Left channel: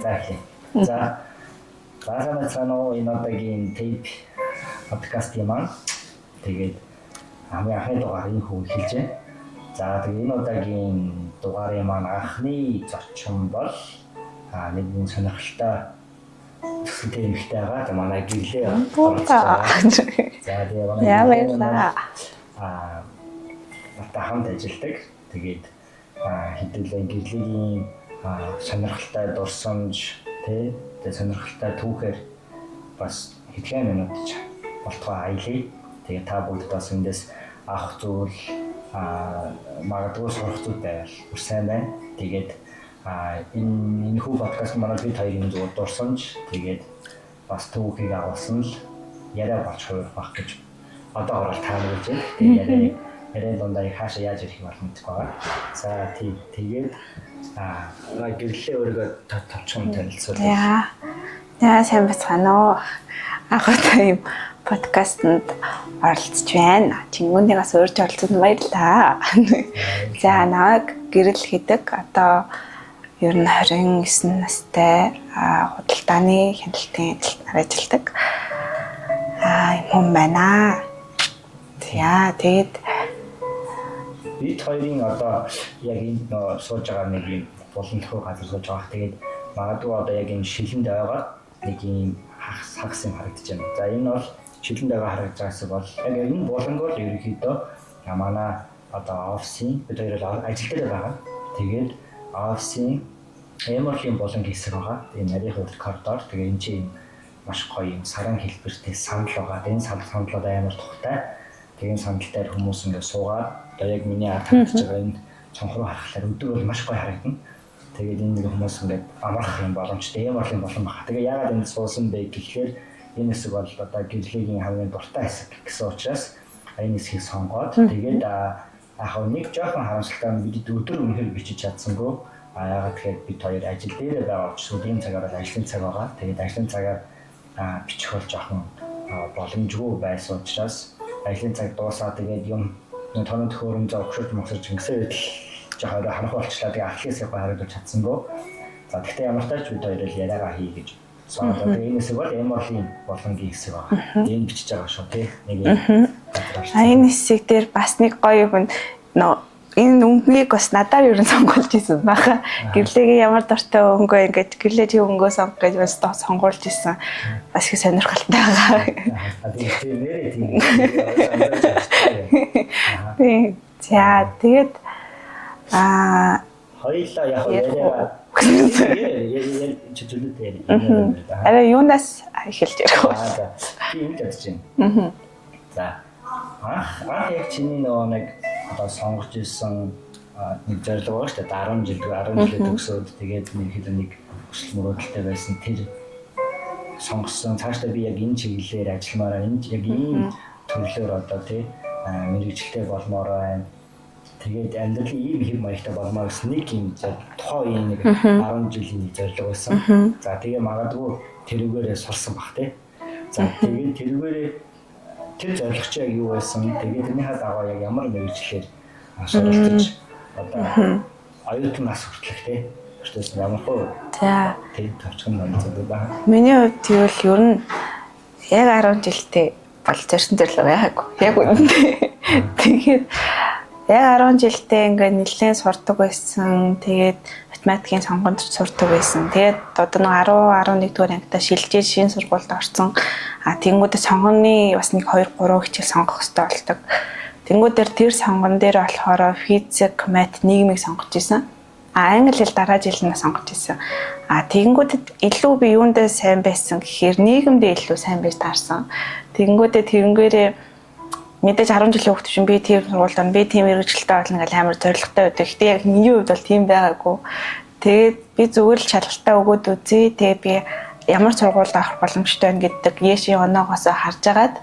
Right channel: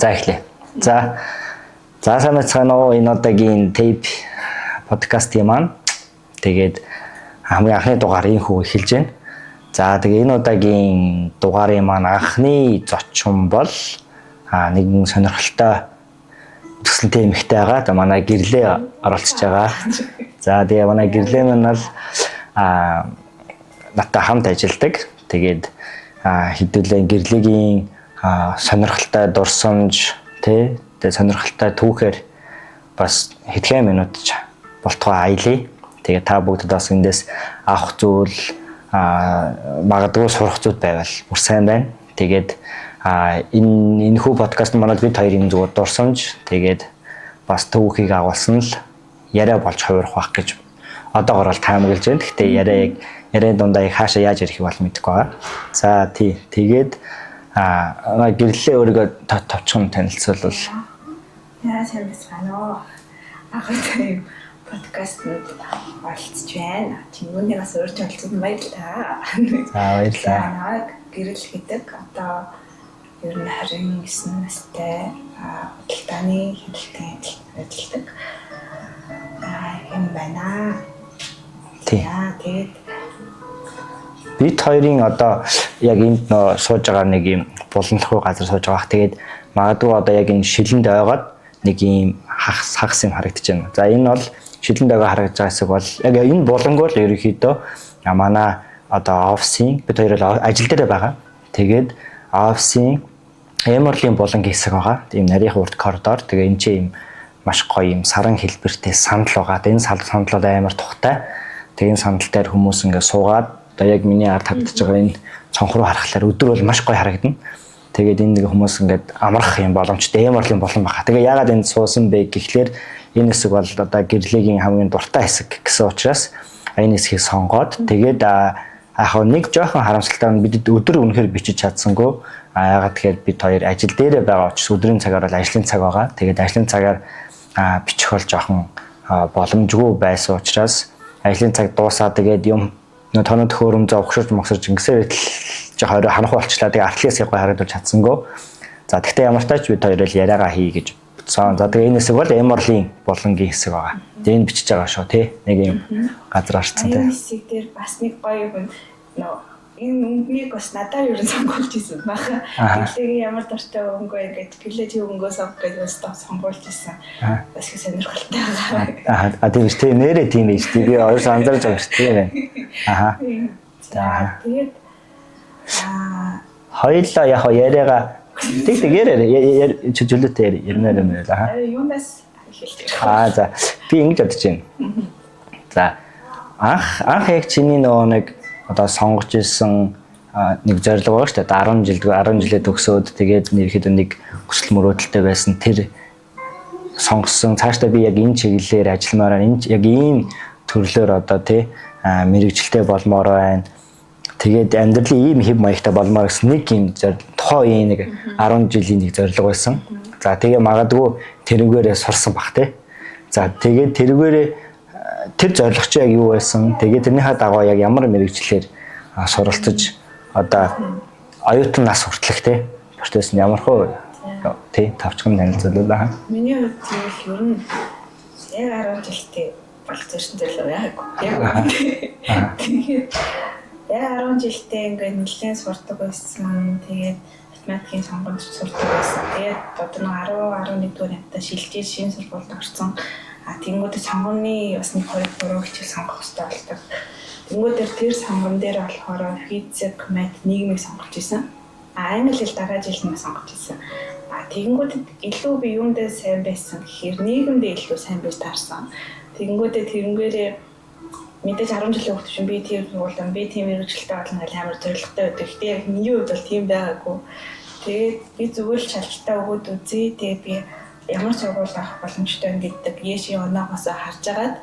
За эхлэе. За санаа цаанаа энэ одоогийн tape подкастын маань тэгээд хамгийн анхны дугаар ийхүү эхэлж байна. За тэгээ энэ удаагийн дугаарын маань анхны зочин бол нэгэн сонирхолтой төсөлтэй эмэгтэй байгаа. Тэгээ манай гэрлээ оролцож байгаа. За тэгээ манай гэрлээ нь бол надтай хамт ажилладаг. Тэгээд хэдүүлээ гэрлэгийн сонирхолтой дурсамж тэгээ сонирхолтой түүхээр бас хэдхэн минут болтгоо аялье. Тэгээ та бүгдэд бас эндээс авах зүйл магадгүй сурах зүйл байвал бүр сайн байна. Тэгээд энэ хүү подкаст манад бид хоёрын зүгээр дурсамж тэгээд бас түүхийг агуулсан л яриа болж хувирах байх гэж одоогоор бол таамаглаж байна. Гэхдээ яриа дундаа хаашаа яаж ярих бол мэдэхгүй байгаа. За тэгээд гэрлээ өөрийгөө товчхон танилцуулбал. Яа сайн бацгаана уу. Анхаарал юм подкастэнд оролцож байна. Чингүүнээс урьж оролцсон баярлалаа. За намайг гэрэл гэдэг одоо ер нь 29 настай худалдааны хяналтын ажилтнаар ажилладаг юм байна. Тэгээд бид хоёрын одоо яг энд нөө сууж байгаа нэг юм буланлахгүй газар сууж байгаа. Тэгээд магадгүй одоо яг энэ шилэнд ойгоод нэг юм хагас юм харагдаж байна. За энэ бол шилэнд ойгоо харагдаж байгаа хэсэг бол яг энэ буланг бол ерөнхийдөө манай одоо офисын бид хоёр л ажил дээр байгаа. Тэгээд офисын эмэрлэгийн буланг хэсэг байгаа. Тийм нарийн урд коридор. Тэгээ энэ чинь юм маш гоё юм саран хэлбэртэй сандал байгаа. Энэ сандлууд амар тухтай. Тэгээ энэ сандал дээр хүмүүс ингээ суугаад одоо яг миний ард хандж байгаа энэ цонх руу харахаар өдөр бол маш гоё харагдана. Тэгээд энэ нэг хүмүүс ингээд амрах юм боломжтой эмэрлэгийн болон баха. Тэгээ яагаад энд суусан бэ гэхлээр энэ хэсэг бол одоо гэрлэгийн хамгийн дуртай хэсэг гэсэн учраас энэ хэсгийг сонгоод тэгээд яг нэг жоохон харамсалтай нь бид өдөр үнэхээр бичиж чадсангүй. Яагаад тэгэхээр бид хоёр ажил дээрээ байгаа учраас өдрийн цагаар бол ажлын цаг байгаа. Тэгээд ажлын цагаар бичих бол жоохон боломжгүй байсан учраас ажлын цаг дуусаад тэгээд юм тоног төхөөрөм зовхширч могсорч ингэсээр жоохон ханах болчлаа. Тэгээ артлаас яг харагдаж чадсангүй. За тэгтээ ямар ч тач бид хоёр л яриагаа хий гэж бодсон. За тэгээ энэ хэсэг бол эмэрлийн булангийн хэсэг байгаа. Тэгээ энэ бичиж байгаа шүү тий. Нэг юм газар орцсон. Энэ хэсэг дээр бас нэг гоё юм энэ өнгөнийг бас надаар юу сонгуулж исэн баха. Гэрлэгийн ямар дуртай өнгөө ингэж гэрлээ чи өнгөө сонгох гэж бас сонгуулж исэн. Бас их сонирхолтой байгаа. Тийм шүү. Нэрээ тийм биш. Би ойр анзаарч байгаа шүү. За тэгээд хоёулаа яг яриагаа яриа чөлөөтэй яриа юм байна. Арай юунаас эхэлж ярих вэ? За би ингэж бодож байна. За анх яг чиний нөгөө нэг одоо сонгож ирсэн нэг зорилго байгаа шүү дээ. 10 жилээ төгсөөд тэгээд ерөөхдөө нэг хүсэл мөрөөдөлтэй байсан тэр сонгосон цаашдаа би яг энэ чиглэлээр ажилламаар энэ яг ийм төрлөөр одоо тий мэрэгжилтэй болмоор байна. Тэгээд амьдралын ийм хэв маягтай болмоор гэсэн нэг юм тухайн нэг 10 жилийн нэг зорилго байсан. За тэгээ магадгүй тэрнгээрээ сурсан бах тий. За тэгээд тэргээрээ тэр зорилго чи яг юу байсан? Тэгээд тэрнийхээ дагуу яг ямар мэрэгчлэр суралцаж одоо оюутан нас хүртэлх те. Процесс нь ямар хөө? За. Тий, тавчхан танилцуулаа. Миний хувьд тэгвэл ер нь яг 10 жилдээ болж ирсэн төрлөө байгаагүй. Яг үнэ. Тэгээд яг 10 жилдээ ингээд нэлээд сурдаг байсан. Тэгээд математикийн сонгонд сурдаг байсан. Тэгээд одоо нэг 10 11 дугаар ангидаа шилжиж шинэ сургуульд орсон. Тэнгүүдээ сонгоны бас нэг 2 3 хичээл сонгох хэрэгтэй болдог. Тэнгүүдээр тэр сонгон дээр болохоор физик, мат, нийгмийг сонгож исэн. Англи хэл дараа жил нь сонгож исэн. Тэнгүүдэд илүү би юундээ сайн байсан гэхээр нийгэмдээ илүү сайн байж таарсан. Тэнгүүдээ тэрнгээрээ мэдээж 10 жилийн хүүхэд чинь би тийм сургуульд би тийм мэрэгчлэлтэй болно гэж амар зоригтой байдаг. Гэтэ яг миний хувьд бол тийм байгаагүй. Тэгээд би зүгээр л шалгалтаа өгөөд үзье. Тэгээд би ямар сургуульд авах боломжтой байна гэдэг яшийн оноогоос харж агаад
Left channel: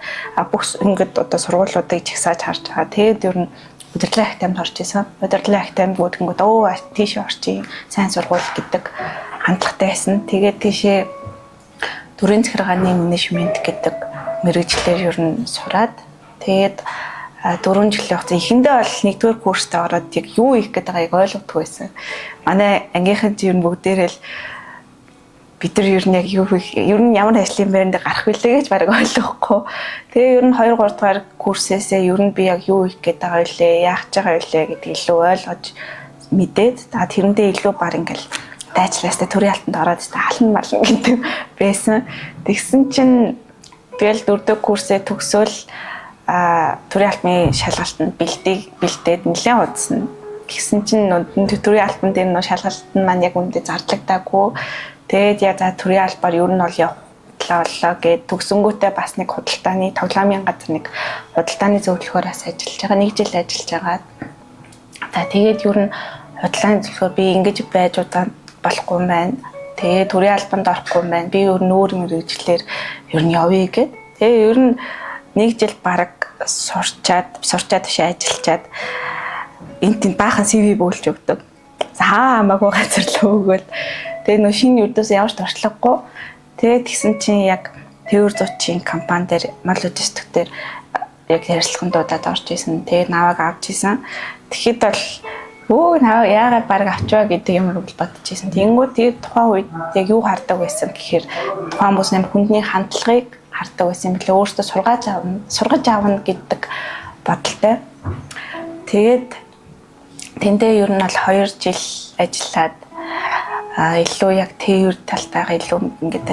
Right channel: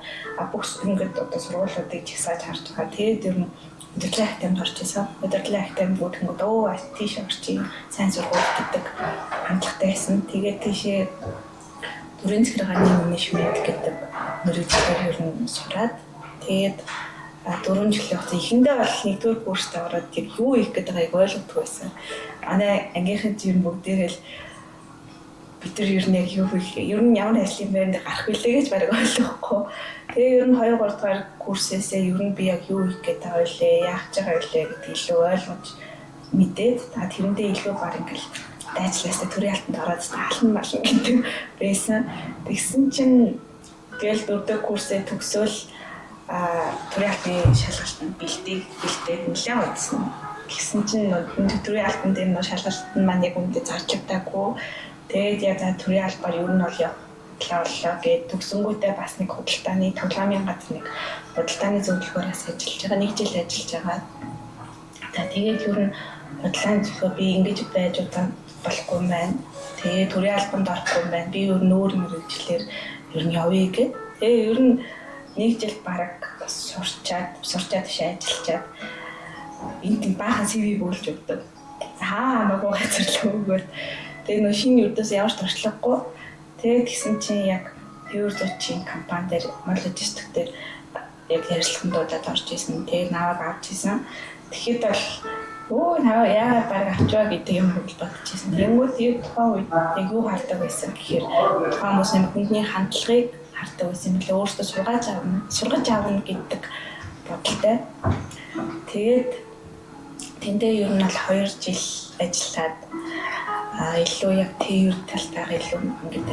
бүх ингээд одоо сургуулиудыг чагсааж харж байгаа. Тэгээд ер нь удирдлагын ахтамд орж исэн. Удирдлагын ахтамд бүгдэнгүүд тийш орчих сайн сургууль гэдэг хандлагатай байсан. Тэгээд тийшээ төрийн захиргааны менежмент гэдэг мэргэжлээр ер нь сураад тэгээд 4 жилийн хугацаа эхэндээ бол 1-р курст ороод яг юу хийх гэдэг байгааг ойлгохгүй байсан. Манай ангийнхан чинь бүгдээрээ л бид нар ер нь яг юу ер нь ямар ажлын байранд гарах вүлээ гэж бараг ойлгохгүй. Тэгээ ер нь 2 3 дугаар курсээсээ ер нь би яг юу их гээд байгаа вэ, яах гэж байгаа вэ гэдгийг илүү ойлгож мэдээд тэрэндээ илүү баг ингээл дайчлаастай төрийн алтанд ороод алан малан гэдэг байсан. Тэгсэн чинь тэгэл 4 дахь курсээ төгсөөл төрийн алтны шалгалтанд бэлдээд нэлээд удсан. Гэсэн чинь төрийн алтан дээр нөө шалгалт нь маань яг үүндээ зардлагдаагүй. Тэгээд яг за төрийн албаар ер нь бол явууллаа гэд төгсөнгүүтээ бас нэг худалдааны тоглоомын газар нэг худалдааны зөвлөхөөрөөс ажиллаж байгаа. 1 жил ажиллаж байгаа. За тэгээд ер нь худалдааны зөвлөхөө би ингэж байж удаа болохгүй юм байна. Тэгээд төрийн албанд орохгүй юм байна. Би ер нь өөр мэргэжлэр ер нь явъя гэд. Тэгээд ер нь 1 жил бараг сурчаад биш ажиллаад энд баахан CV бөөлж өгдөг. За хамаагүй газар л өгөөл. Тэгээ нөө шинэ үрдээс ямар ч туршлагагүй. Тэгээд тэгсэн чинь яг Төвөр зуучийн компани дээр мал логистик дээр яг ярилцлагуудад орж исэн. Тэгээд наваг авч исэн. Тэгэхэд бол наваа яагаад баг авчваа гэдэг юм бол бодож исэн. Тэнгүүд тэгээд тухайн үед яг юу хардаг байсан гэхээр тухайн бүс нэм хүндний хандлагыг хардаг байсан юм билээ. Өөртөө сургаж аавна гэдэг бодолтой. Тэгээд тэндээ ер нь бол 2 жил ажиллаад илүү яг тээвэр талтайгаа илүү ингээд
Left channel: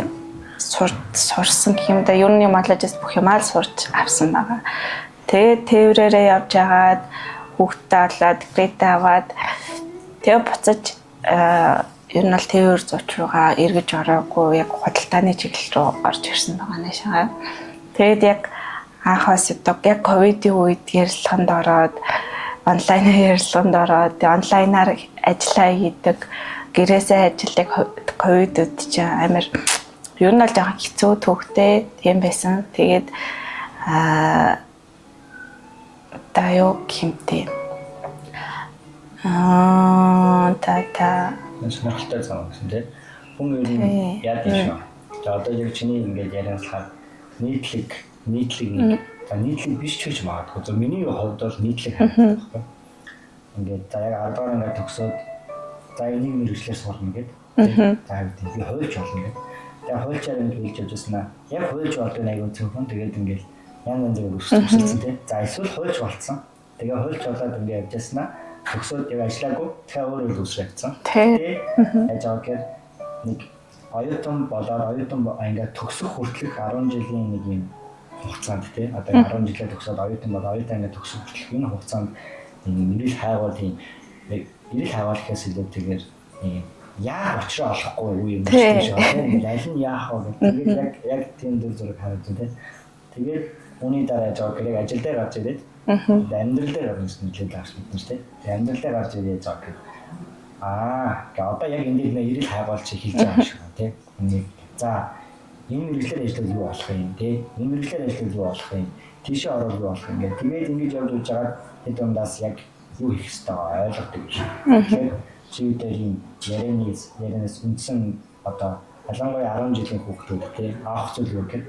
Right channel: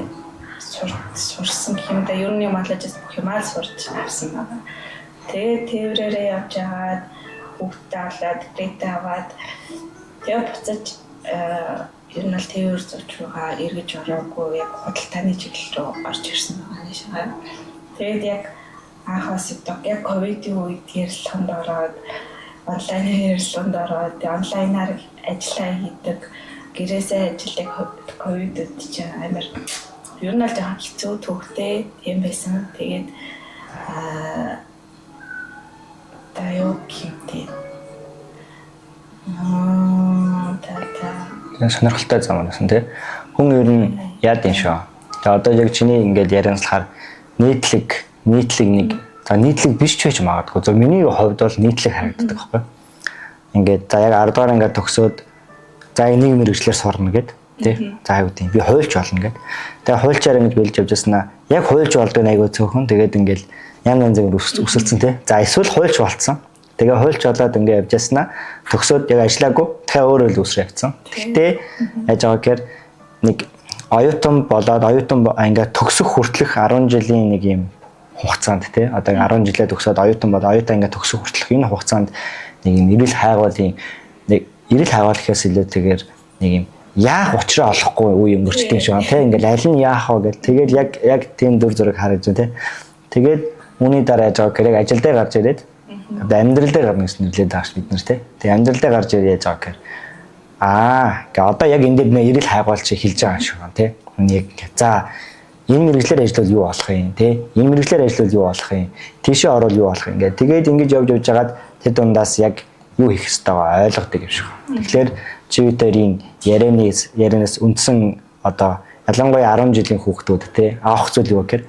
сурсан гэх юм да. Ер нь малажс бүх юмаа сурч авсан байгаа. Тэгээд тээврээрээ явж агаад хүүхдтэй болоод декретээ аваад тэгээ буцаж ер нь бол тээвэр зууч руугаа эргэж ороогүй яг худалдааны чиглэл рүү орж ирсэн байгаа нэ шагаа. Тэгээд яг анхаас яг ковидын үед ярилцлаганд ороод онлайн ярилцлаганд ороод онлайнаар ажиллаа хийдэг гэрээсээ ажилладаг ковидуд чинь амар ер нь бол жоохон хэцүү төвхтэй тийм байсан. Тэгээд таяо кимтэй сонирхолтой зам байсан тий. Хүн ер нь яад юм шүү. Тэгээ одоо яг чиний ингээд ярианслахаар нийтлэг нэг за нийтлэг биш ч байж магадгүй. За миний хувьд бол нийтлэг харагддаг байхгүй. Ингээд за яг 10 дугаар ингээд төгсөөд за энийг мэрэгчлэр сурна гэд тий. За юу гэдэг би хуульч болно гэд. Тэгээ хуульчаар ингэж бэлж явж байснаа яг хуульч болдог айгуу цөөхөн. Тэгээд ингээд янз янзын өсөлцсөн тий. За эсвэл хуульч болцсон. Тэгээ хуульч болоод ингээд явж байснаа төгсөөд яг ажиллаагүй. Тэгээ өөрөө л үсрээ явцсан. Гэтэ яаж байгаа гэхээр нэг оюутан болоод ингээд төгсөх хүртэлх 10 жилийн нэг юм хугацаанд тий. Одоо 10 жилээ төгсөөд оюутан ингээд төгсөх хүртэлх энэ хугацаанд нэг юм эрэл хайгуулын гэхээс илүү тэгээд нэг юм яах учраа олохгүй үе юм дэрчтэй шүү. Тэ ингээл аль нь яах вэ гэл. Тэгээд яг тийм дүр зураг харагдаж байна тэ. Тэгээд үүний дараа яаж байгаа гэрэг ажил дээр гарч ирээд одоо амьдрал дээр гарна гэсэн нэрлээд байгаа ш бид нар тэ. Тэгээд амьдрал дээр гарч ирээд яаж байгаа гэхээр гээ одоо яг энэ дээр нэ эрэл хайгуулч хэлж байгаа шүү тэ. Яг за энэ мэрэгчлэр ажиллавал юу болох юм тэ. Энэ мэрэгчлэр ажиллавал юу болох юм. Тийшээ орвол юу болох юм гээ. Тэгээд ингэж явж байгаад тэр дундаас яг юу хийх ёстойгоо ойлгодог юм шиг. Тэгэхээр чивтерийн ярианаас үндсэн одоо ялангуяа 10 жилийн хүүхдүүд те авах зүйл юу гэхээр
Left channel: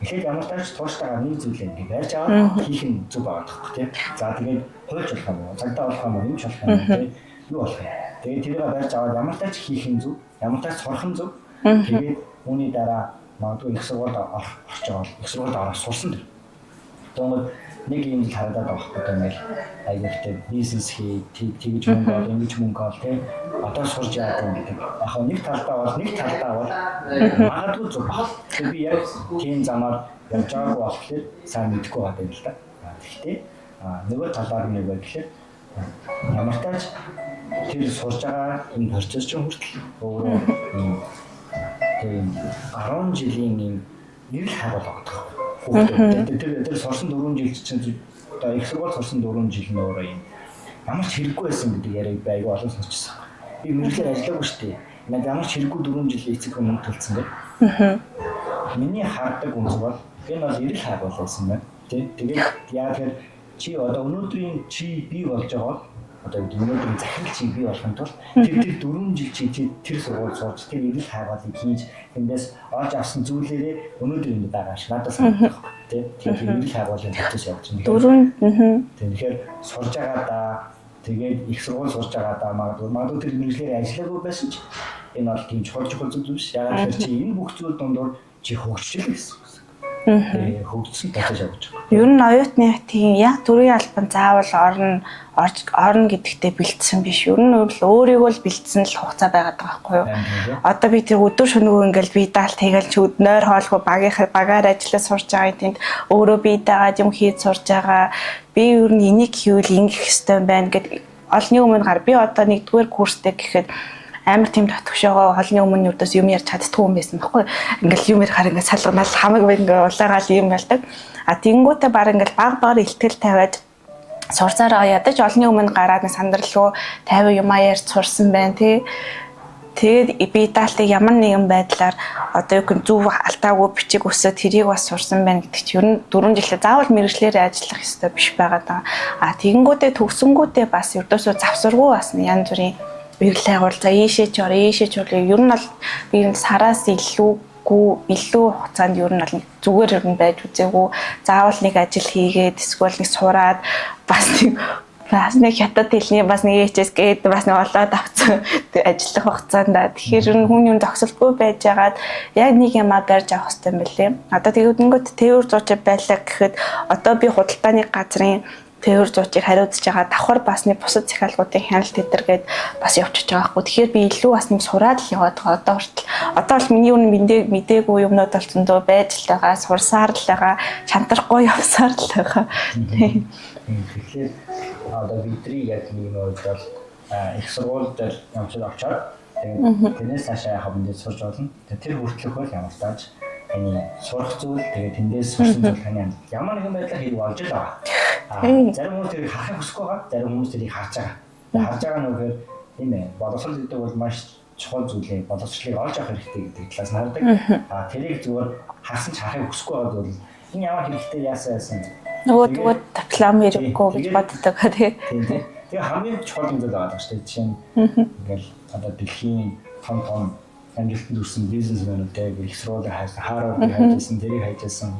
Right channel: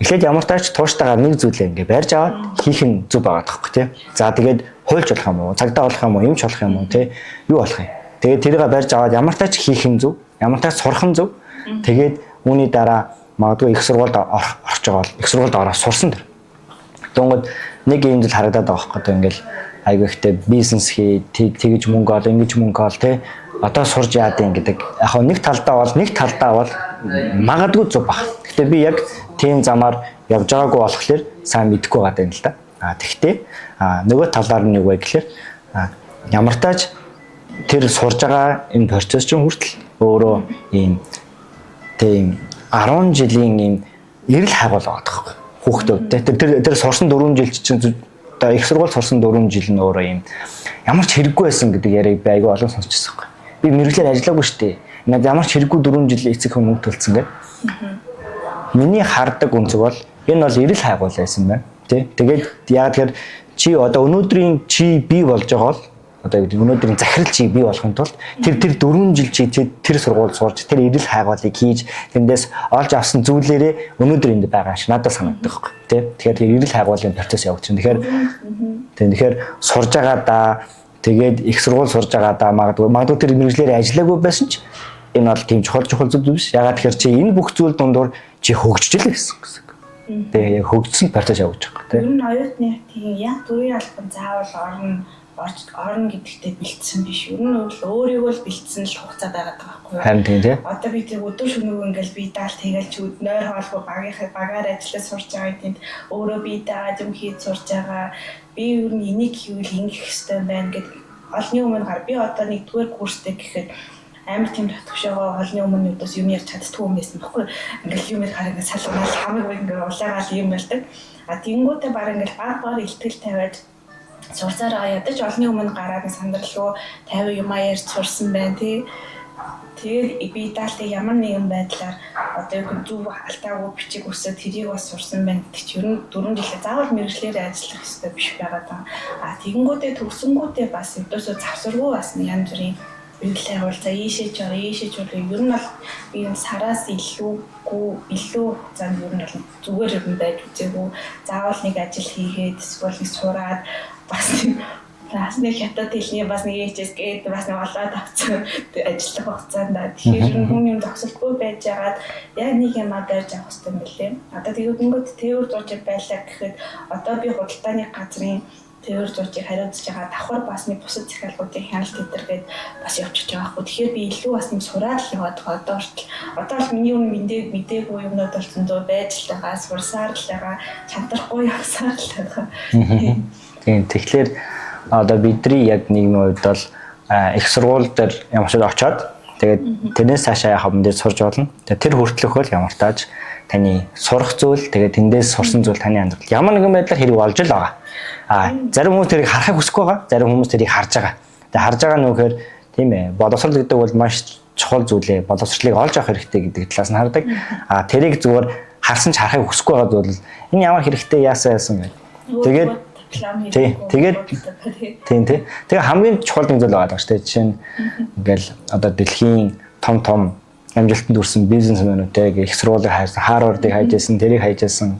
эхлээд ямар тач тууштайгаар нэг зүйлээ ингээ барьж аваад хийх нь зүг байгаа тоххой те. За тэгээд хуульч болох юм уу, цагдаа болох юм уу, юмч болох юм уу те. Юу болох юм. Тэгээд тэрийг барьж аваад ямар тач хийх нь зүг, ямар тач сурах нь зүг. Тэгээд үүний дараа магадгүй их сургуульд орж байгаа бол их сургуульд ороод сурсан дэр. Дөнгөд нэг юм зүйл харагдаад байгаа байхгүй ингээл айгүй ихтэй бизнес хий тэгж мөнгө ол ингэж мөнгө ол те одоо сурж яад юм гэдэг. Яг нэг талдаа бол магадгүй зүг баг. Гэхдээ би яг тийм замаар явж байгаагүй болохоор сайн мэдэхгүй байгаа юм л да. Тэгтээ нөгөө талаар нь юу вэ гэхээр ямар тааж тэр сурж байгаа энэ процесс чинь хүртэл өөрөө ийм тийм 10 жилийн ийм эрэл хайгуул байгаа тоххой. Хүүхдүүд тэр сурсан 4 жил чинь одоо их сургууль сурсан 4 жил нь өөрөө юм ямар ч хэрэггүй байсан гэдэг яриаг би айгүй олон сонсчихсан байхгүй. Би мэрэгчлэр ажиллаагүй шүү дээ. Ингээд ямар ч хэрэггүй 4 жил эцэг хүн мөнгө төлсөн гэдэг. Миний хардаг үнцэг бол энэ бол эрэл хайгуул байсан байна. Тэ. Тэгээд яа тэгэхээр чи одоо өнөөдрийн чи бий болж байгаа бол одоо өнөөдрийн захирал чи бий болохын тулд тэр 4 жил чи тэр сургууль сурч тэр эрэл хайгуулыг хийж тэндээс олж авсан зүйлээрээ өнөөдөр энд байгаа ш надад санагддаг байхгүй тий. Тэгэхээр эрэл хайгуулын процесс явагдаж байна. Тэгэхээр сурж байгаа да тэгээд их сургууль сурж байгаа да магадгүй тэр мэрэгчлэр ажиллаагүй байсан ч Энэ бол тийм чухал зүйл биш. Ягаад тэгэхээр чи энэ бүх зүйл дундуур чи хөгжиж л гэсэн. Тэгээ хөгжсөн процесс явуулж байгаа. Ер нь оюутны тийм яг төрийн албан заавал орно гэдэгтээ бэлдсэн биш. Ер нь өөрийгөө л бэлдсэн л хугацаа байгаад байгаа байхгүй юу? Харин тийм тий. Одоо би тэр өдөр шөнөгүй ингээл би даалт хийгээл ч өднөр хоолгүй багаар ажиллаж сурж байгаа тэнд өөрөө би дагаад юм хийж сурж байгаа. Би ер нь энийг хийвэл ингэх ёстой байна гэд олны өмнө гар би одоо нэгдүгээр курстэй гэхэд амар тийм татгшоогоо олны өмнө өдөөс юм ярьж чаддгүй юм байсан байхгүй. Ингээл юм ярихаар ингээд салганал хамаг ингээ улаагаал юм байлдаг. А тэнгуүтэ баг ингээл баг ихтгэл тавиад сурцаараа ядаж олны өмнө гараад сандралгүй 50 юмаа ярьж сурсан байна тий. Тэгээд би даалтыг ямар нэгэн байдлаар одоо юу зөв алдаагүй бичиг өсөд тэрийг бас сурсан байна гэдэг чинь ер нь 4 жилээ заавал мэрэгчлэр ажиллах ёстой биш байгаа даа. А тэгэнгүүтээ төгсөнгүүтээ бас ердөөсөө завсаргүй бас янз бүрийн бирлэг агуул за ийшээ ч орё ер нь бол би энэ сараас илүү хугацаанд ер нь бол зүгээр ер нь байж үзээгүй заавал нэг ажил хийгээд эсвэл нэг сураад бас нэг хятад хэлний бас нэг HS гээд бас нэг олоод авсан ажиллах хугацаанд тэгэхээр ер нь хүн юм зогсолтгүй байжгаад яг нэг юмаа барьж авах хэрэгтэй юм билээ. Одоо тэгэнгүүт тээвэр зууч байлаа гэхэд одоо би худалдааны газрын тээвэр зуучийг хариуцж байгаа давхар бас нэг бусад захиалгуудын хяналт тэтэргээд бас явчихж байгаа хгүй. Тэгэхээр би илүү бас нэг сураад л яваад байгаа одоо хүртэл. Одоо бол миний үнэ мдээгүй юмнууд бол зөндөө байж л байгаа, сурсаар л байгаа, шантарахгүй явсаар л байгаа. Тийм. Тэгэхээр одоо бидний яг нийгмийн хувьд бол их сургууль дээр ямар ч очоод тэгээд тэрнээс цаашаа яхаа юм дээр сурж болно. Тэгээд тэр хүртэлх бол ямар тааж таны сурах зүйл тэгээд тэндээс сурсан зүйл таны амьдрал ямар нэгэн байдлаар хэрэг болж л байгаа. Зарим хүмүүс тэрийг харахыг хүсэхгүй байгаа. Зарим хүмүүс тэрийг харж байгаа. Тэгээд харж байгаа нь үгээр тийм ээ. Боловсрол гэдэг бол маш чухал зүйл ээ. Боловсролыг олж авах хэрэгтэй гэдэг талаас нь хардаг. Тэрийг зүгээр харсан ч харахыг хүсэхгүй байгаа зүйл энэ ямар хэрэгтэй яасан бэ? Тэгээд диплом хэрэггүй боддог тийм. Тэгээ хамгийн чухал нэг зүйл байгаа шүү дээ. Жишээ нь ингээл одоо дэлхийн том амжилтанд хүрсэн бизнесмэнүүдтэй их сургуулийг хайсан, Харвардыг хайжсэн, тэрийг хайжсэн.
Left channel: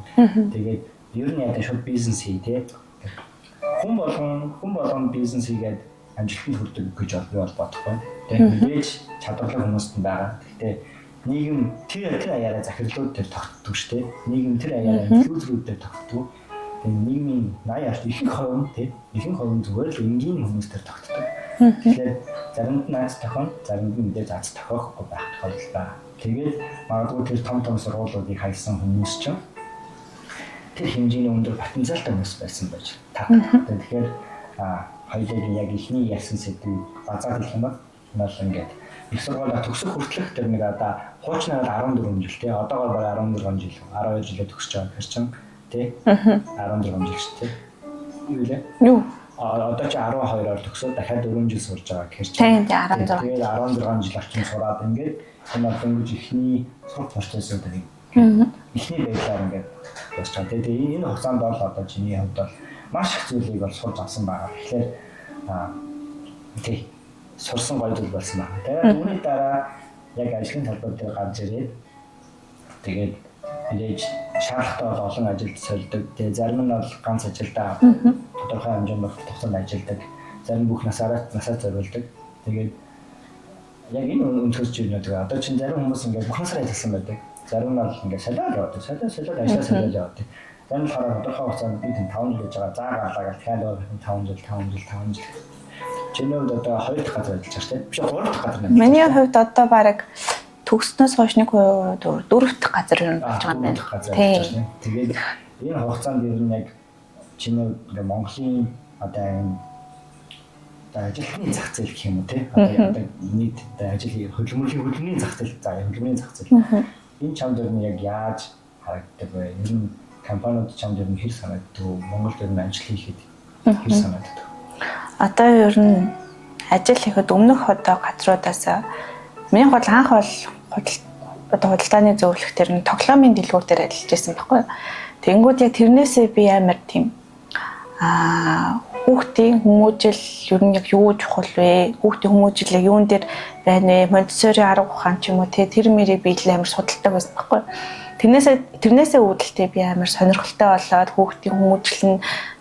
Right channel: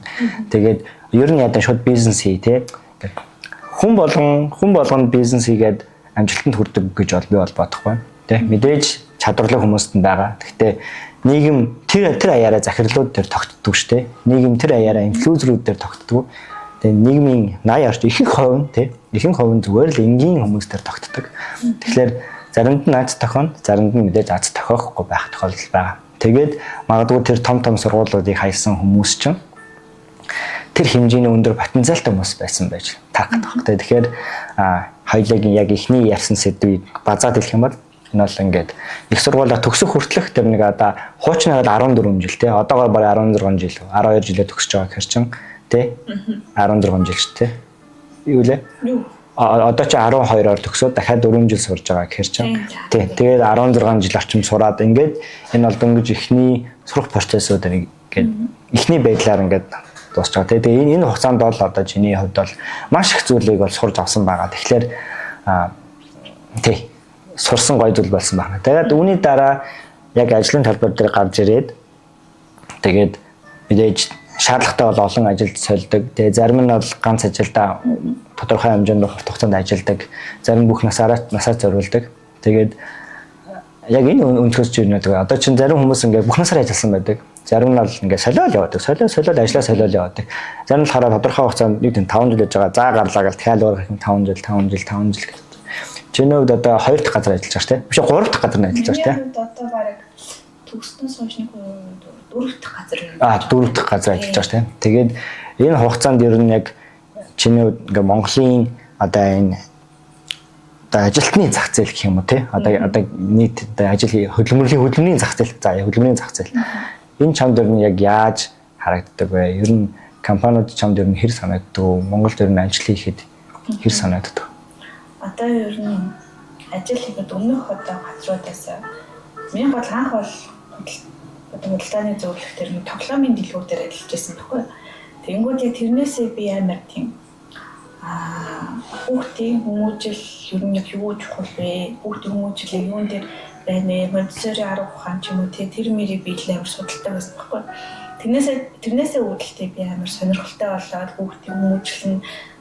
Тэгээд ер нь ядаа шууд бизнес хий те. Хүн болгон бизнес хийгээд амжилтанд хүрдэг гэж би бол бодохгүй. Тэ мэдээж чадварлаг хүмүүст нь байгаа. Гэхдээ нийгэм тэр аяараа захирлууд дээр тогтдог шүү дээ. Нийгэм тэр аяараа инфлюенсерүүд дээр тогтдог. Тэгээд нийгмийн 80 орчим ихэнх хувь те. Ихэнх хувь зүгээр л энгийн хүмүүс дээр тогтдог. Тэгэхээр заримд нь аз тохино, заримд нь мэдээж аз тохиохгүй байх тохиолдол байгаа. Тэгээд магадгүй тэр том сургуулиудыг хайсан хүмүүс чинь тэр хэмжээний өндөр потенциалтай хүмүүс байсан байж тагтах. Тэгэхээр хоёулагийн яг ихний ярьсан сэдвийг базаад хэлэх юм бол энэ бол ингээд их сургуулаа төгсөх хүртэлх тэр нэг одоо хуучнаар 14 жил те одоогоор бараг 16 жил 12 жилээ төгсөж байгаа гэхэр чин те 16 жил ч те юу лээ одоо чи 12-оор төгсөөд дахиад 4 жил сурж байгаа гэхэр чинь. Тэгээд 16 жил орчим сураад ингээд энэ бол дөнгөж ихний сурах процессууд ингээд ихний байдлаар ингээд дуусч байгаа. Тэгээд энэ хугацаанд бол одоо чиний хувьд бол маш их зүйлийг бол сурж авсан байгаа. Тэгэхээр сурсан гоё зүйл болсон байна. Тэгээд үүний дараа яг ажлын талбар дээр гарч ирээд тэгээд мэдээж шаардлагатай бол олон ажилд сольдог. Тэгээ зарим нь бол ганц ажилдаа тодорхой хэмжээнд хугацаанд ажилдаг. Зарим бүх насаа зориулдаг. Тэгээд яг энэ өнцгөөс чинь одоо чинь зарим хүмүүс ингээд бүх насаар ажилласан байдаг. Зарим нь бол ингээд солиод явдаг. Солиод ажиллаа солиод явдаг. Зарим нь хараа тодорхой хугацаанд нэг 5 жил яж байгаа. За гарлаа гэл дахиад 5 жил. Чиний хувьд одоо 2 дахь газар ажиллаж байгаа тийм. Биш 3 дахь газар ажиллаж байгаа тийм. Миний хувьд одоо бараг төгснөөс хойш нэг 4 дахь газар юм байна. 4 дахь газар ажиллаж байгаа тийм. Тэгээд энэ хугацаанд ер нь яг чиний ингээ Монголын одоо энэ ажилтны зах зээл гэх юм уу тий. Одоо нийт хөдөлмөрийн зах зээл. За хөдөлмөрийн зах зээл. Энэ чамд ер нь яг яаж харагддаг вэ? Ер нь компаниуд чамд ер нь хэр санагддаг? Монголд ер нь ажил хийхэд хэр санагддаг? Одоо ер нь ажил хийхэд өмнөх одоо газруудаас миний бол анх бол худалдааны зөвлөх төр нь тоглоомын дэлгүүр дээр ажиллаж байсан байхгүй. Тэнгүүд яг тэрнээсээ би амар тийм хүүхдийн хүмүүжил ер нь яг юу чухал вэ? Хүүхдийн хүмүүжил яг юун дээр байна вэ? Монтессори арга ухаан ч юм уу тэр мэрийг би амар судалдаг байсан байхгүй. тэрнээсээ үүдэлтэй би амар сонирхолтой болоод хүүхдийн хүмүүжлэн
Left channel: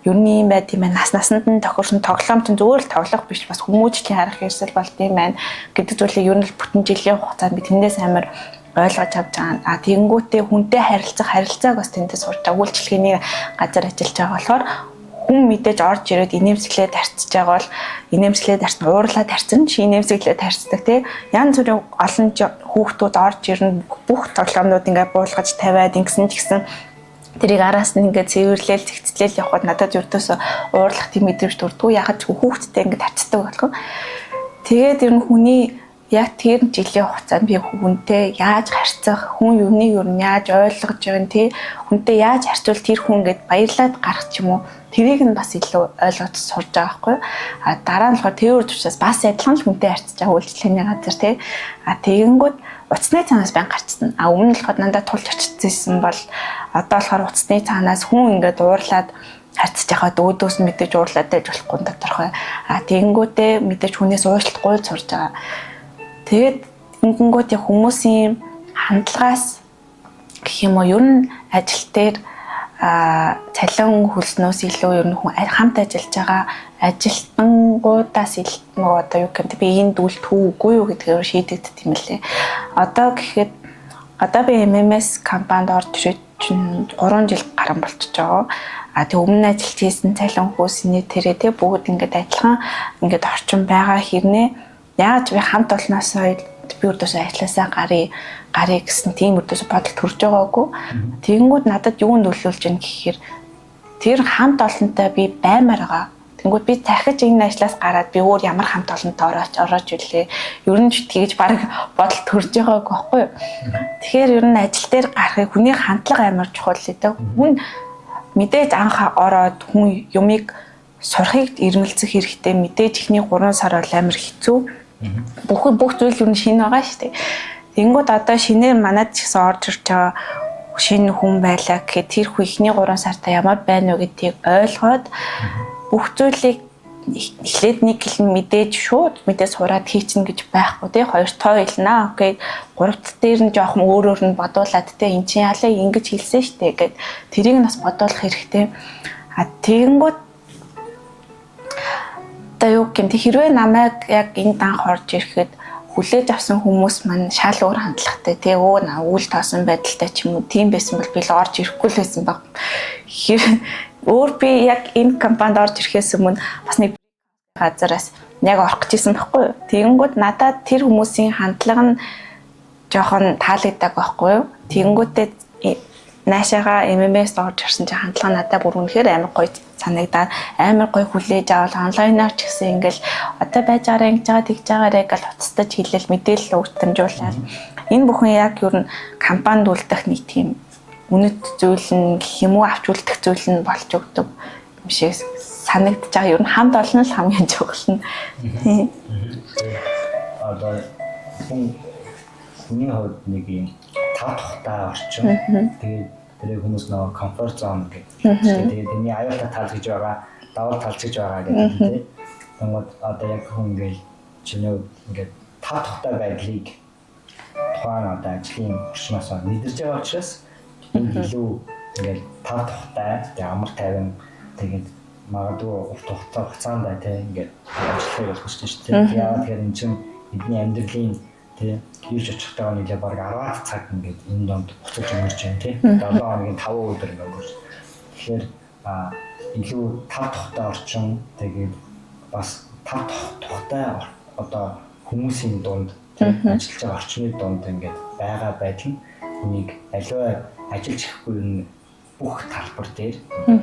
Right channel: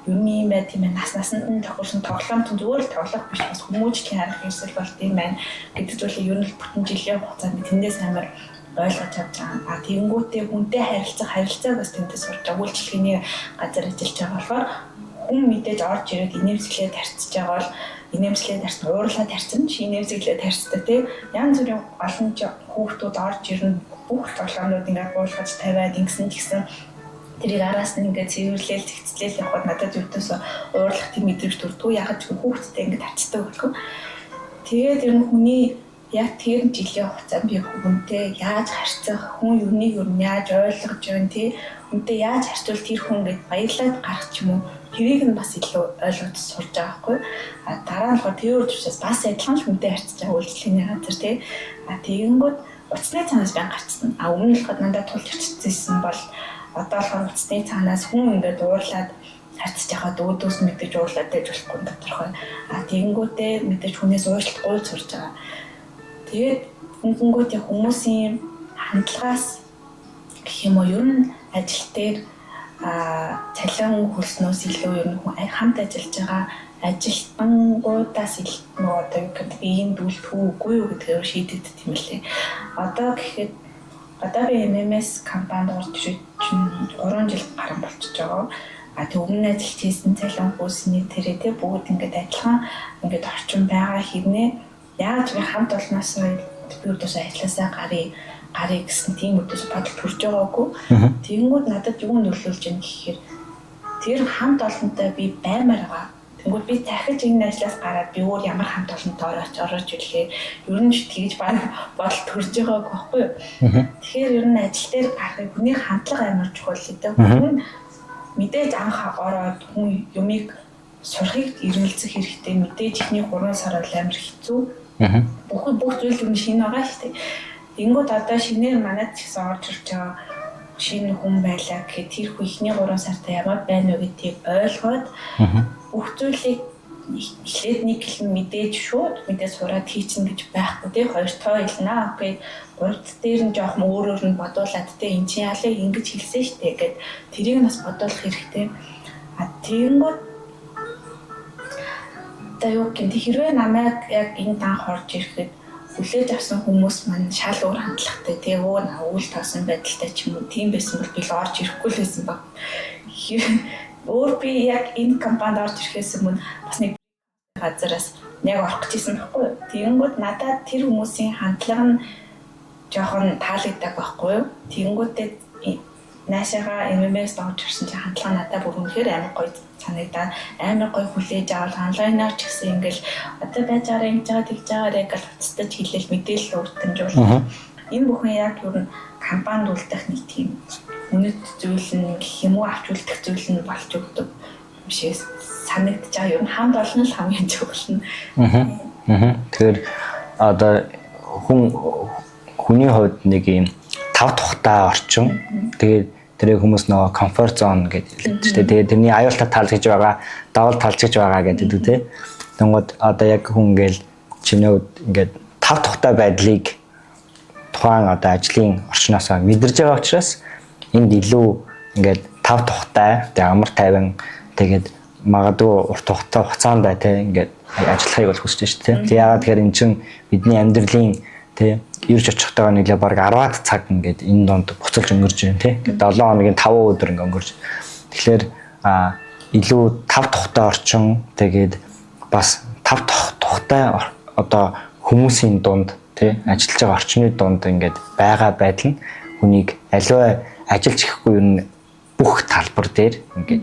ер нь юм байт юм байна. Насанд нь тохирсон тоглоом чинь зүгээр л тоглох биш бас хүмүүжлийн арга хэрэгсэл болт юм байна гэдэг зүйлийг ер нь бүтэн жилийн хугацаанд би тэндээс амар ойлгож авч байгаа. А тэгэнгүүтээ хүнтэй харилцааг бас тэндээс сурч байгаа. Үйлчлэгээний газар ажиллаж байгаа болохоор хүн мэдээж орж ирээд инээмсэглээд тарцж байгаа бол инээмсэглээд тарцсан уурлаад тарцсан инээмсэглээд тарцдаг тий. Янз бүрийн олон хүүхдүүд орж ирнэ бүх тоглоомнууд ингээд буулгаж тавиад ингэсэн ч гэсэн тэрийг араас нь ингээд цэвэрлээл зэгцлээл явхад надад ердөөсөө уурлах тийм мэдрэмж төрдгөө ягаад ч хүүхдтэй ингээд тарцдаг болох. Тэгээд ер нь хүний яг тэр жилийн хугацаанд би хүнтэй яаж харьцах, хүн юуныг юу яаж ойлгож байгаа тий, хүнтэй яаж харьцвал тэр хүн гээд баярлаад гарах ч юм уу. Тэрийг нь бас илүү ойлгож сурж байгаа байхгүй. А дараа нь болохоор тэр учраас бас адилхан л хүнтэй харьцаж байгаа үйлчлэгээний газар тий. А тэгэнгүүт уцсны цаанаас байн гарчсан. А өмнө нь болохоор дандаа тулж очижсэн бол одоо болохоор уцсны цаанаас хүн ингээд уурлаад харьцаж байхад өөдөөс нь мэдээж уурлаад байж болохгүй доторхой. А тэгэнгүүтээ мэдээж хүнээс уушлахгүй сурж байгаа. Тэгээд ингэнгүүт хүмүүсийн хандлагаас гэх юм уу ер нь ажил дээр цалин хөлснөөс илүү ер нь хамт ажиллаж байгаа ажилтнуудаас илүү одоо юу гэдэг би энд үлдэх үгүй юу гэдгээр шийдэгдэх юм лээ. Одоо гэхэд одоо би MMS компанид орж ирээд 3 жил гарсан болчихж байгаа. А тэг өмнө ажиллаж хийсэн цалин хөөсний тэрэ тэг бүгд ингээд адилхан ингээд орчин байгаа хэрнээ яаж би хамт олноосоо би өөртөөсөө ажилласаа гарыг гэсэн тийм өөртөөсөө бодол төрж байгаагүй. Тэгэнгүүт надад юу нөлөөлж ийн гэхээр тэр хамт олонтой би баймаар байгаа. Тэгэнгүүт би дахиж энэ ажлаас гараад би өөр ямар хамт олонтой орооч үлээ. Ер нь ч тэгж баг бодол төрж байгаагүй байхгүй юу. Тэгэхээр ер нь ажил дээр гарахыг хүний хандлага амар чухал гэдэг. Хүн мэдээж анх ороод хүн юмыг сурахыг ирмэлцэх хэрэгтэй. Мэдээж ихний 3 сар бол амар хэцүү. Бүх зүйл юу шинэ байгаа шүү дээ. Тэнгүүд одоо шинээр манад ч гэсэн орж ирж байгаа шинэ хүн байлаа гэхэд тэр хүн ихний 3 сартаа ямар байна вэ гэдгийг ойлгоод бүх зүйлийг эхлээд нэг гэлэн мэдээж шууд мэдээ сураад хийчихнэ гэж байхгүй тий. 2 тоо хэлнэ. Окей. 3-т дээр нь жоохон өөрөөр нь бодуулаад тий эн чинь ялаа ингэж хэлсэн шүү дээ гэд тэрийг нь бас бодуулах хэрэгтэй. А тэгэнгүүт одоо юу гэмт хэрвээ намайг яг энд анх орж ирэхэд хүлээж авсан хүмүүс маань шал өөр хандлагатай тий үйл тоосон байдалтай ч юм уу тийм байсан бол би л орж ирэхгүй л байсан баг. Өөр би яг энэ компанид орж ирэхээс өмнө бас нэг газараас яг орох гэжсэн байхгүй юу. Тэгэнгүүт надад тэр хүмүүсийн хандлага нь жоохон таалагддаг байхгүй юу. Тэгэнгүүтээ наашаага MMS орж ирсэн чинь хандлага надад бүр үнэхээр амар гоё санагдаад амар гоё хүлээж авал онлайнаар ч гэсэн ингээл одоо байж байгаа ингэж байгаа тэгж байгаарэ гэж уцтаж хэлэл мэдээлэл өгтөмжүүлнэ. Энэ бүхэн яг юу н компанид үлдэх нэг тийм үнэт зүйл нь гэх юм уу авч үлдэх зүйл нь болж өгдөг юм шиг санагдаж байгаа. Юу н хамт олон л хамгийн чухал нь. Тэгэхээр одоо хүний хувьд нэг юм тав тухтай орчин. Тэгээд тэрийг хүмүүс нөгөө комфорт зон гэдэг хэлдэг шүү дээ. Тэгээд тэрний аюултай тал гэж байгаа, давал талж гэж байгаа гэдэг үү. Тэнгууд одоо яг хүн ингээл чиний ингээд тав тухтай байдлыг тухайн одоо ажлын орчноос мэдэрж байгаа учраас энд илүү ингээд тав тухтай, тэгээд амар тайван тэгээд магадгүй урт хугацаанд бай тэ ингээд ажиллахыг бол хүсэж шүү дээ. Тэгээд яагаад тэгэхээр эн чинь бидний амьдралын тэ ирж очихтойгоо нэглээ баг 10-аад цаг ингээд энэ донд буцалж өнгөрч байна тий. 7 хоногийн 5 өдөр ингээд өнгөрч. Тэгэхээр илүү тав тухтай орчин тэгээд бас тав тухтай одоо хүмүүсийн дунд тий ажиллаж байгаа орчны дунд ингээд байгаа байдал нь хүнийг аливаа ажиллаж ирэхгүй юу бүх талбар дээр ингээд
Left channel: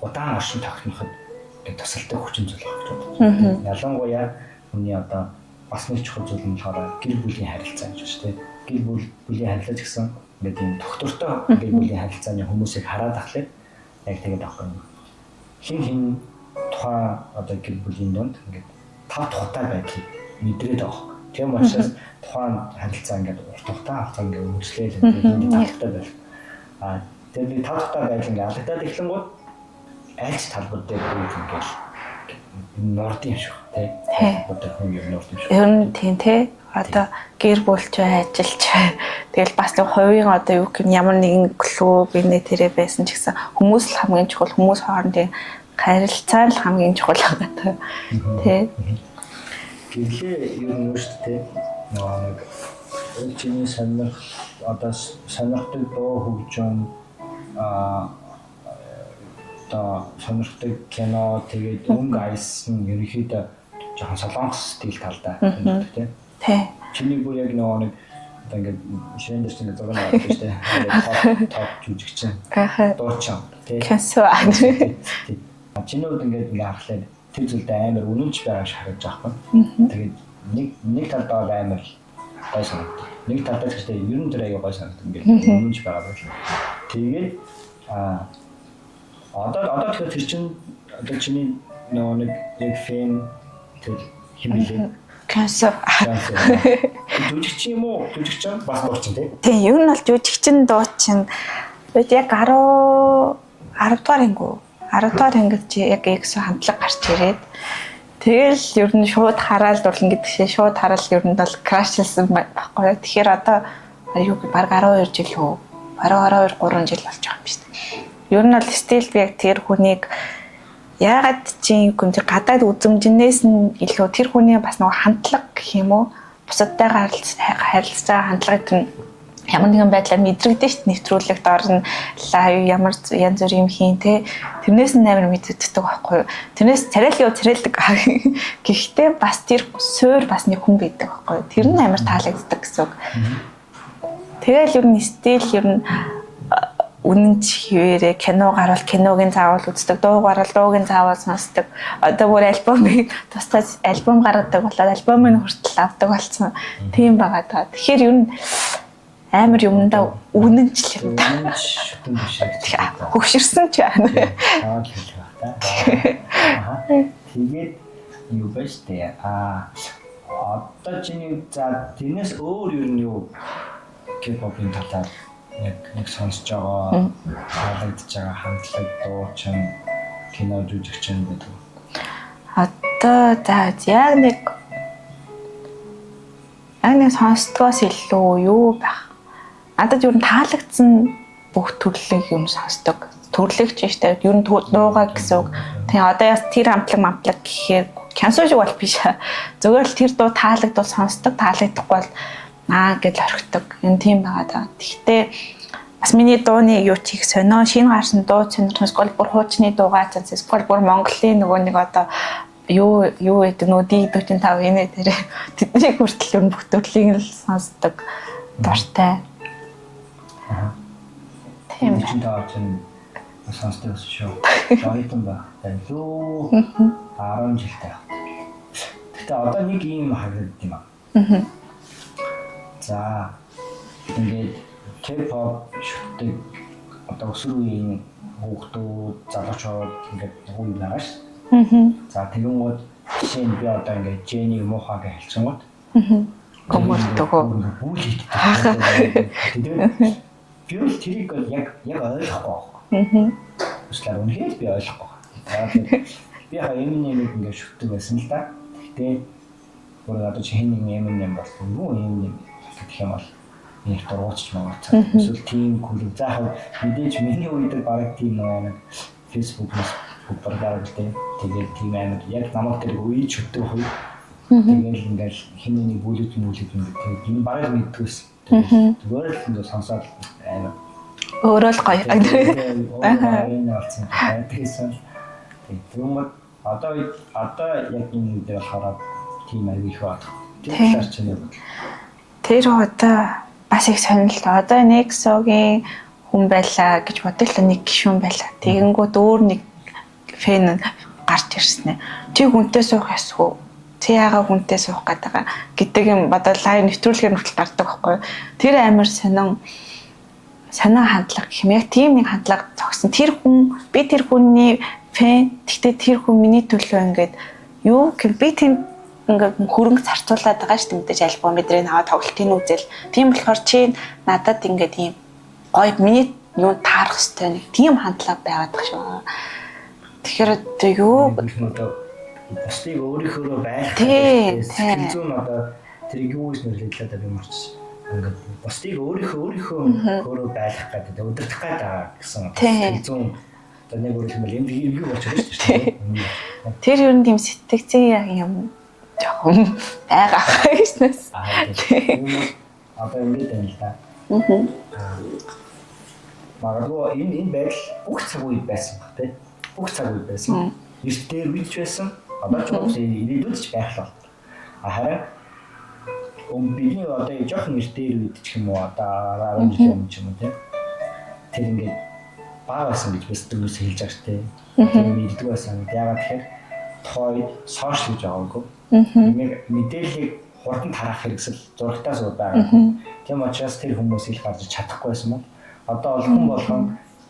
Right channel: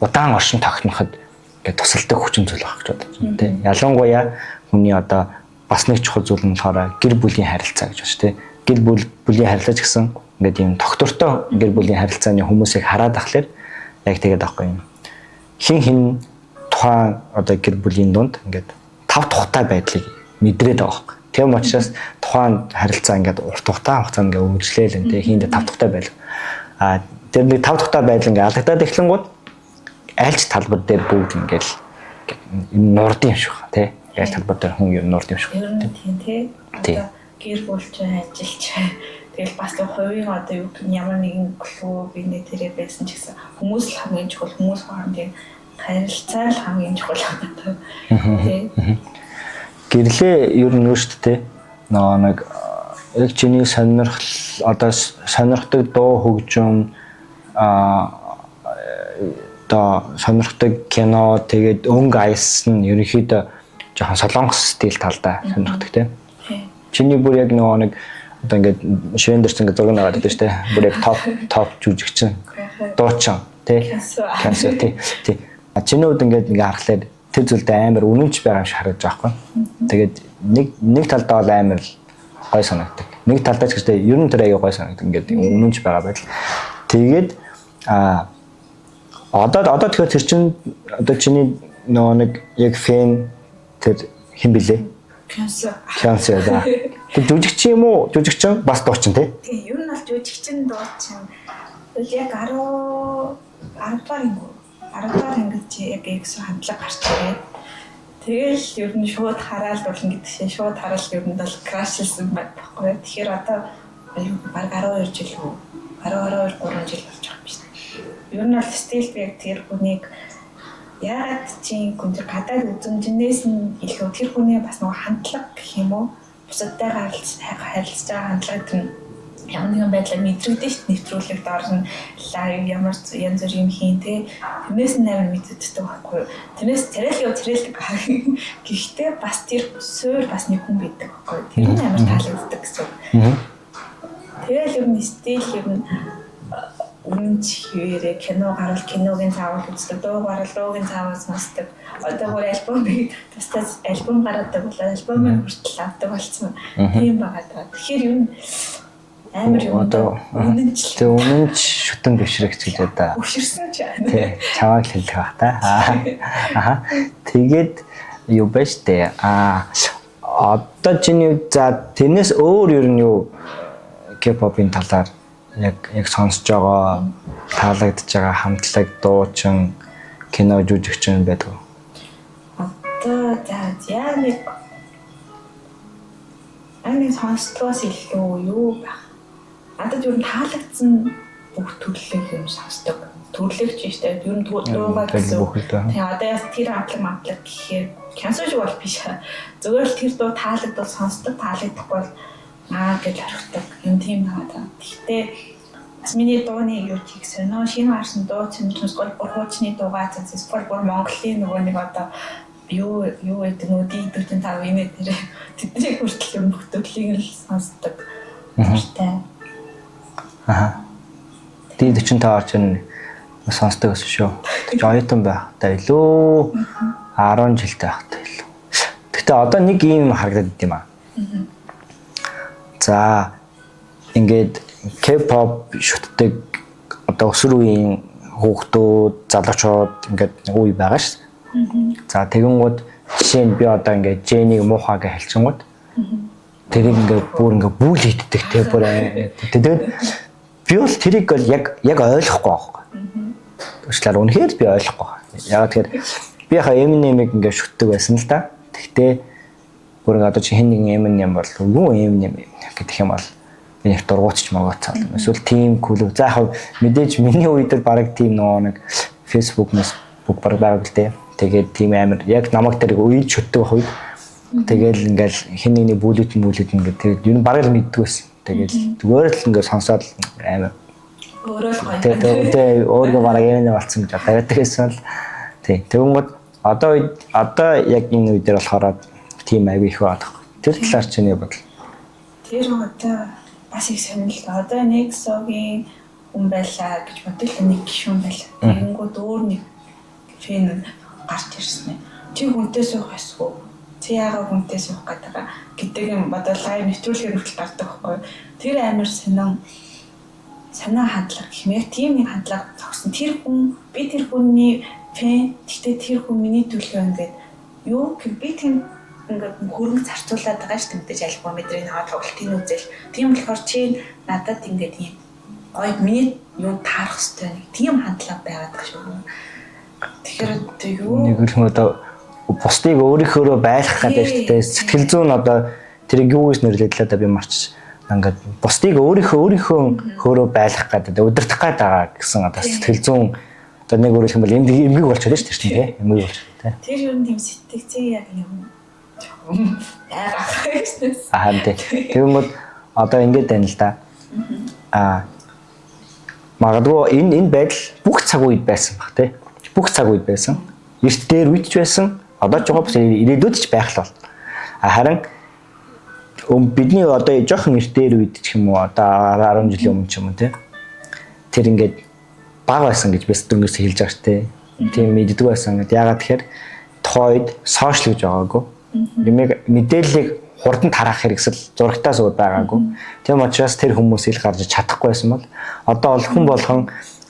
удаан оршин тогтноход ингээд тусалдаг хүчин зүйл байх гэж бодож байна тий. Ялангуяа хүний одоо бас нэг чухал зүйл нь болохоор гэр бүлийн харилцаа гэж байна шүү дээ. Гэр бүлийн харилцаа ч гэсэн ингээд юм доктортой гэр бүлийн харилцааны хүмүүсийг хараад ахлаар яг тэгээд аахгүй юм. Хин тухайн одоо гэр бүлийн дунд ингээд тав тухтай байдлыг мэдрээд байгаа. Тийм учраас тухайн харилцаа ингээд урт хугацаанд ингээд үргэлжлээл энэ хийндээ тав тухтай байл. Тэр нэг тав тухтай байдал ингээд алдагдаад эхлэнгууд айлч талбар дээр бүгд ингээд нурд юм шиг байна тий. Яг талбар дээр хүн ер нь нурд юм шиг. Ер нь тийм тий. Одоо гэр бүлч бай, ажилч бай. Тэгэл бас нэг хувийн одоо юу гэх юм ямар нэгэн клуб инээ тэрэ байсан ч гэсэн хүмүүс л хамгийн чухал, хүмүүс хоорондын харилцаа л хамгийн чухал байгаа тий. Гэрлээ ер нь шүү дээ. Нэг яг чиний сонирхол одоо сонирхдаг дуу хөгжим сонирхдаг кино тэгээд өнгө аяс нь ерөнхийдөө жоохон солонгос стил талдаа сонирхдаг тий. Чиний бүр яг нэг одоо ингээд шивэн дэрч ингээд зураг наваад байдаг шүү дээ. Бүр яг топ жүжигчин. Дуучин тий. Тий. Чиний үед ингээд харахад тэр зүйлд амар үнэнч байгаа юм шиг харагдаж байгаа байхгүй. Тэгээд нэг талдаа бол амар гой санагддаг. Нэг талдаа ч гэжтэй ер нь тэр аяа гой санагддаг. Ингээд үнэнч байгаа байдал. Тэгээд одоо тэгэхээр тэр чинь одоо чиний нэг яг фэн тэр хэн блэ? Cancer. Тэр жүжигч юм уу? Жүжигчин бас дуучин тий? Тийм, ер нь бол жүжигчин дуучин. Яг 10 дугаар ингүү. 10 дугаар ангид чи яг экс хамтлаг гарч ирээд тэгэл ер нь шууд хараад дурлан гэдэг шиг шууд хараад ер нь бол крашлсан байхгүй. Тэгэхээр одоо юу баг 12 жил үү? 12 3 жил болж байгаа юм биш үү? Ер нь бол стил би яг тэр хүнийг яагаад чи гүн гадаад үзмжнээс нь илүү тэр хүний бас нэг хандлага гэх юм уу? Бусадтайгаа харилцаж байгаа хандлагыг тэр ямар нэгэн байдлаар мэдрэгдэн шүү дээ. Нэвтрүүлэгт орно лайв ямар янз бүр юм хийн те. Тэрнээс нь амар мэддэгдэг байхгүй юу. Тэрнээс царайлдаг. Гэхдээ бас тэр суур бас нэг хүн байдаг байхгүй юу. Тэр нь амар таалагддаг гэсэн үг. Тэгэл ер нь стил ер нь үнэнч хിവэрэ кино гарвал киногийн заавал үздэг, дуу гарвал дуугийн заавал сонсдог. Одоо бүр альбомыг тусдаа альбом гаргадаг болоод альбомыг хүртэл авдаг болсон. Тийм байгаа даа. Тэгэхээр ер нь амар юмдаа үнэнчлээ. Үнэнч шүтэн дэвшрэгч гэдэг да. Хөвширсэн ч байна. Чамайг хэлэх байх та. Тэгээд юу бэ штэ. Одоо чиний за тэрнээс өөр ер нь юу K-pop-ын талаар яг сонсож байгаа таалагдж байгаа хамтлаг дуучин кино жүжигчин байдаг уу? Одоо за яг нэг сонсдгоос илүү юу байх. Надад юу таалагдсан бүх төрлийг юм сонсдог. Төрлөг ч штэ ер нь дуугаа гэсэн үг. Тэгээ одоо тэр хамтлаг гэхээр кянсуу шиг бол биш. Зөвхөн л тэр дуу таалагдвал сонсдог, таалагдахгүй бол гэж орхидог. Юм тийм байгаа даа. Гэхдээ бас миний дууны юу ч их сонио шинэ гарсан дуу сонирхсоос гол бүр хуучны дуугаа цаас гол бүр Монголын нөгөө нэг одоо юу гэдэг нөө D45 энэ дээр тэдний хүртэл юм бүх төрлийг л сонсдог дуртай. D45 орч нь сонсдог гэсэн шүү. Жойтон байхтай илүү 10 жилтэй байхтай илүү. Гэхдээ одоо нэг юм харагдаад идэм аа. За ингээд K-pop шүтдэг одоо өсвөр үеийн хүүхдүүд, залуучууд ингээд үе байгаа шүү. За тэгэнгүүт жишээ нь би одоо ингээд J-ийг муухай гэж хэлчихэнгүүт тэрийг ингээд бүр ингээд бүл хийддэг байхгүй. Тэгээд би бол тэрийг бол яг ойлгохгүй байхгүй. Тэгшлэр үнэхээр би ойлгохгүй. Яг тэгэхээр би хаа Eminem-ийг ингээд шүтдэг байсан л да. Гэхдээ бүр ингээд одоо чи хэн нэгэн Eminem бол юу Eminem гэдэг юм бол энэ их дургуутч магацаа. Эсвэл team cool. За яг мэдээж миний үед л баг team нэг Facebook-наас бүх баг л дээ. Тэгээд team амир яг намайг тэр үед шүтдэг байх үед тэгэл ингээл хэн нэгний бүлэт ингээд тэгээд ер нь баг л мэддэг байсан. Тэгээд зүгээр л ингээд сонсоод амир өөрөө л гоё. Тэгээд өөрөө баг юм болсон гэж байдаг гэсэн л тий. Тэгвэл одоо яг энэ үед дээр болохоор team аяг их байна. Тэр талаар чиний бодол. Тэр одоо бас их сонирхолтой. Одоо NEXO-гийн хүн байлаа гэж бодлоо нэг гишүүн байлаа. Тэгэнгүүт өөр нэг фэн гарч ирсэн ээ. Чи хүнтэй суух ясгүй. Чи яагаад хүнтэй суух гэдэг юм бодол лайв нэвтрүүлгээр хүртэл гардаг байхгүй. Тэр амар санаа хандлага гэх юм. Яг тийм нэг хандлага зогсон. Тэр хүн би тэр хүний фэн. Гэхдээ тэр хүн миний төлөө ингээд юу гэх би тийм ингээд хөрөнгө зарцуулаад байгаа шүү дээ мэдээж альбом мэдрээ наваа тоглолтын үзэл. Тийм болохоор чи надад ингээд ийм гоё миний юу таарах хэвээр нэг тийм хандлага байгаад байгаа шүү. Тэгэхээр юу нэг л одоо бусдыг өөрийнхөөрөө байлгах гэдэг шүү дээ. Сэтгэл зүйн одоо тэрийг юу гэж нэрлэдэг л одоо би марч ингээд бусдыг өөрийнхөө хөөрөө байлгах гэдэг удирдах гээд байгаа гэсэн одоо сэтгэл зүйн одоо нэг өөрөлдөх юм бол эмгэг болчиход шүү дээ. Эмгэг болчиход. Тэр ер нь тийм сэтгцэн яг юм жоохон айгаах гэснээс. Тийм бол одоо ингэж байна л да. Магадгүй энэ байдал бүх цаг үед байсан баг тий. Бүх цаг үед байсан. Эрт дээр үед ч байсан. Одоо ч байгаа бас ирээдүйд ч байх л бол. Харин бидний одоо жоохон эрт дээр үед ч юм уу одоо 10 жилийн өмнө ч юм уу тий. Тэр ингээд баг байсан гэж би дөрмөөс хэлж байгаа шүү дээ. Тийм мэддэг байсан. Ягаад тэгэхээр тухайд сошиал гэж байгаагүй. Мэдээллийг хурдан тараах хэрэгсэл зурагтаас ууд байгаагүй. Тийм учраас тэр хүмүүс ил гарч чадахгүй байсан бол одоо бол хүн болгон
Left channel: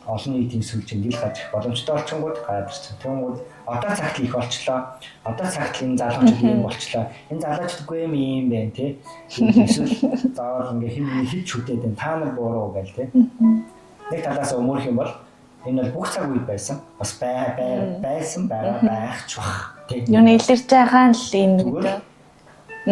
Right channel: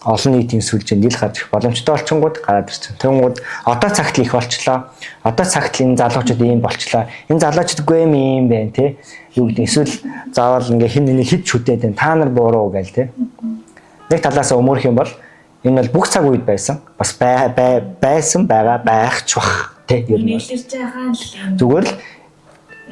олон нийтийн сүлжээнд ил гарч ирэх боломжтой болчингууд гараад ирсэн. Тэнгууд одоо цагт л их болчлоо. Одоо цагт л энэ залуучууд ийм болчлоо. Энэ залуучууд үгүй юм байна тий. Юу гэдэг эсвэл заавал ингээ хин нэг хид шүтээд байна. Та нар буруу гээл тий. Нэг талаас өмөрөх юм бол энэ бол бүх цаг үед байсан. Бас байсан байгаа байх ч бах тий. Юу нэг илэрч байгаа л энэ зүгээр л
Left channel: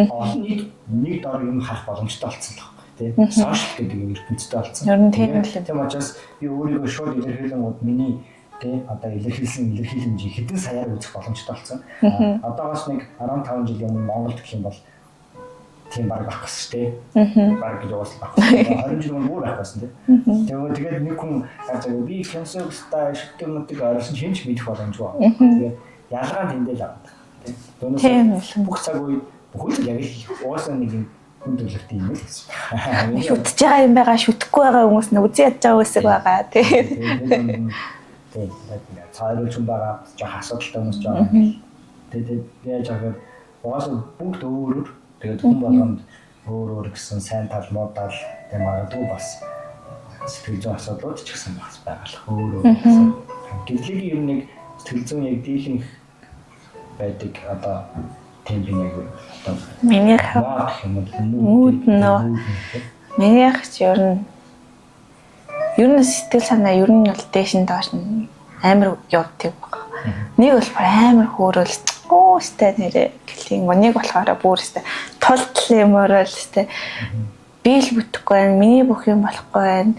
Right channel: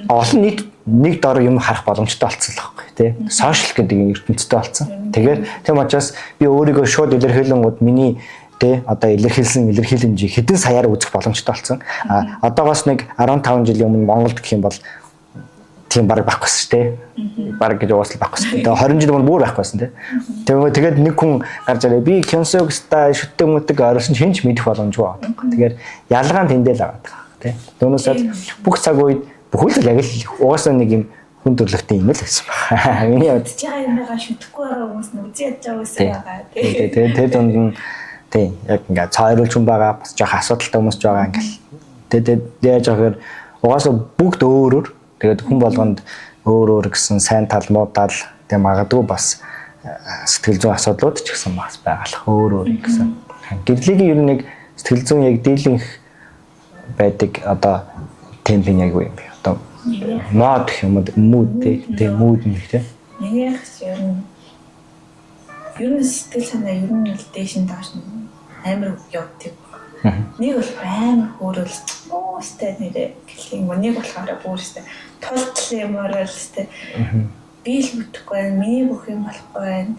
олон нийт нэг дор юм харах боломжтой болсон л байхгүй тий. Сошиал гэдэг юм ертөнцтэй болсон. Тэгээд тийм учраас би өөрийгөө шууд илэрхийлэнгууд миний тий одоо илэрхийлсэн илэрхийлэмжийг хэдэн саяар үзэх боломжтой болсон. Одоогоос нэг 15 жилийн өмнө Монголд гэх юм бол тийм баг байхгүй шүү дээ. Баг гэж уусал байхгүй шүү дээ. 20 жилийн өмнө бүр байхгүй байсан тий. Тэгээд нэг хүн гарч ирээ би Кёнсогста шүтдэг мүтэг орсон ч хинч мэдэх боломжгүй байна. Тэгэхээр ялгаан тэндэл байгаа тий. Түүнээс бүх цаг үед бүхэл яг л угаасаа нэг юм хүн төрлөختийн юм л байсан байна. Миний удаж байгаа юм байгаа шүтгэхгүй байгаа хүмүүс нь үзэн ядж байгаа хүмүүс байгаа тий. Тэр дунд нь тий яг ингээ цайруулж хүн байгаа бас жоох асуудалтай хүмүүс ч байгаа ингээл. Тэгээд яаж яагаар угаасаа бүгд өөр тэгээд хүн болгонд өөр гэсэн сайн тал муу тал тэг магадгүй бас сэтгэл зүйн асуудлууд ч гэсэн бас байгалах өөр гэсэн. Гэвлэгийн ер нь нэг сэтгэл зүйн яг дийлэнх байдаг одоо темпийн яг юу юм бэ? Одоо минийх мод гэх юм уу мууд тий. Минийх ч ер нь сэтгэл санаа ер нь бол дээш нь доош нь амар явдаг баг. Нэг бол амар хөөрөл өстэй нэрээ гэлхийн нэг болохоор бүр өстэй тултал юморол өстэй би л бүтэхгүй байна, миний бүх юм болохгүй байна.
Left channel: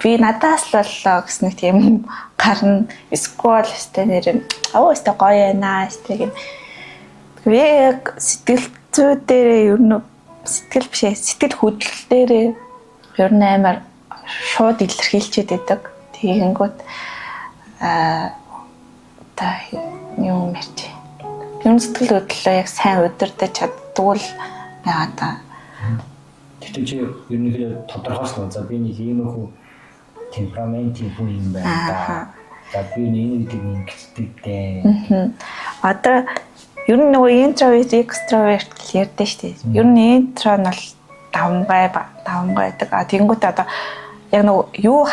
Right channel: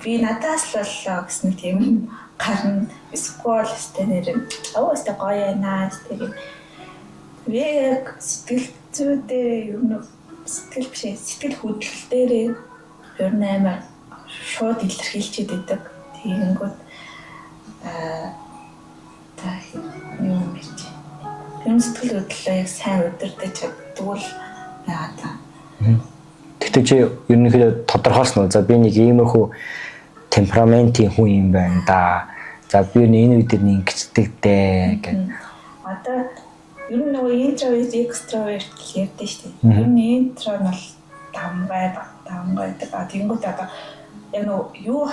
Би надаас л боллоо гэсэн нэг тийм гарна сквал өстэй нэр өстэй гоё яана өстэй гэх. Би яг сэтгэл зүй дээр ер нь сэтгэл бишээ сэтгэл хөдлөл дээр ер нь амар шууд илэрхийлчихэд байдаг. Тэгэнгүүт та юм ярьж. Ер нь сэтгэл хөдлөлөө яг сайн удирдах чаддгүй л байгаа та. Тэгтээ чи ерөнхийдөө тодорхойлсон уу? За би нэг иймэрхүү темпераментийн хүн юм байна да. За би энэ үед ингэдэг дээ гэх. Одоо ер нь нөгөө интроверт, экстраверт гэж ярьдээ шүү дээ. Ер нь интро нь бол давмгай байдаг. Тэгэнгүүт одоо яг нөгөө юу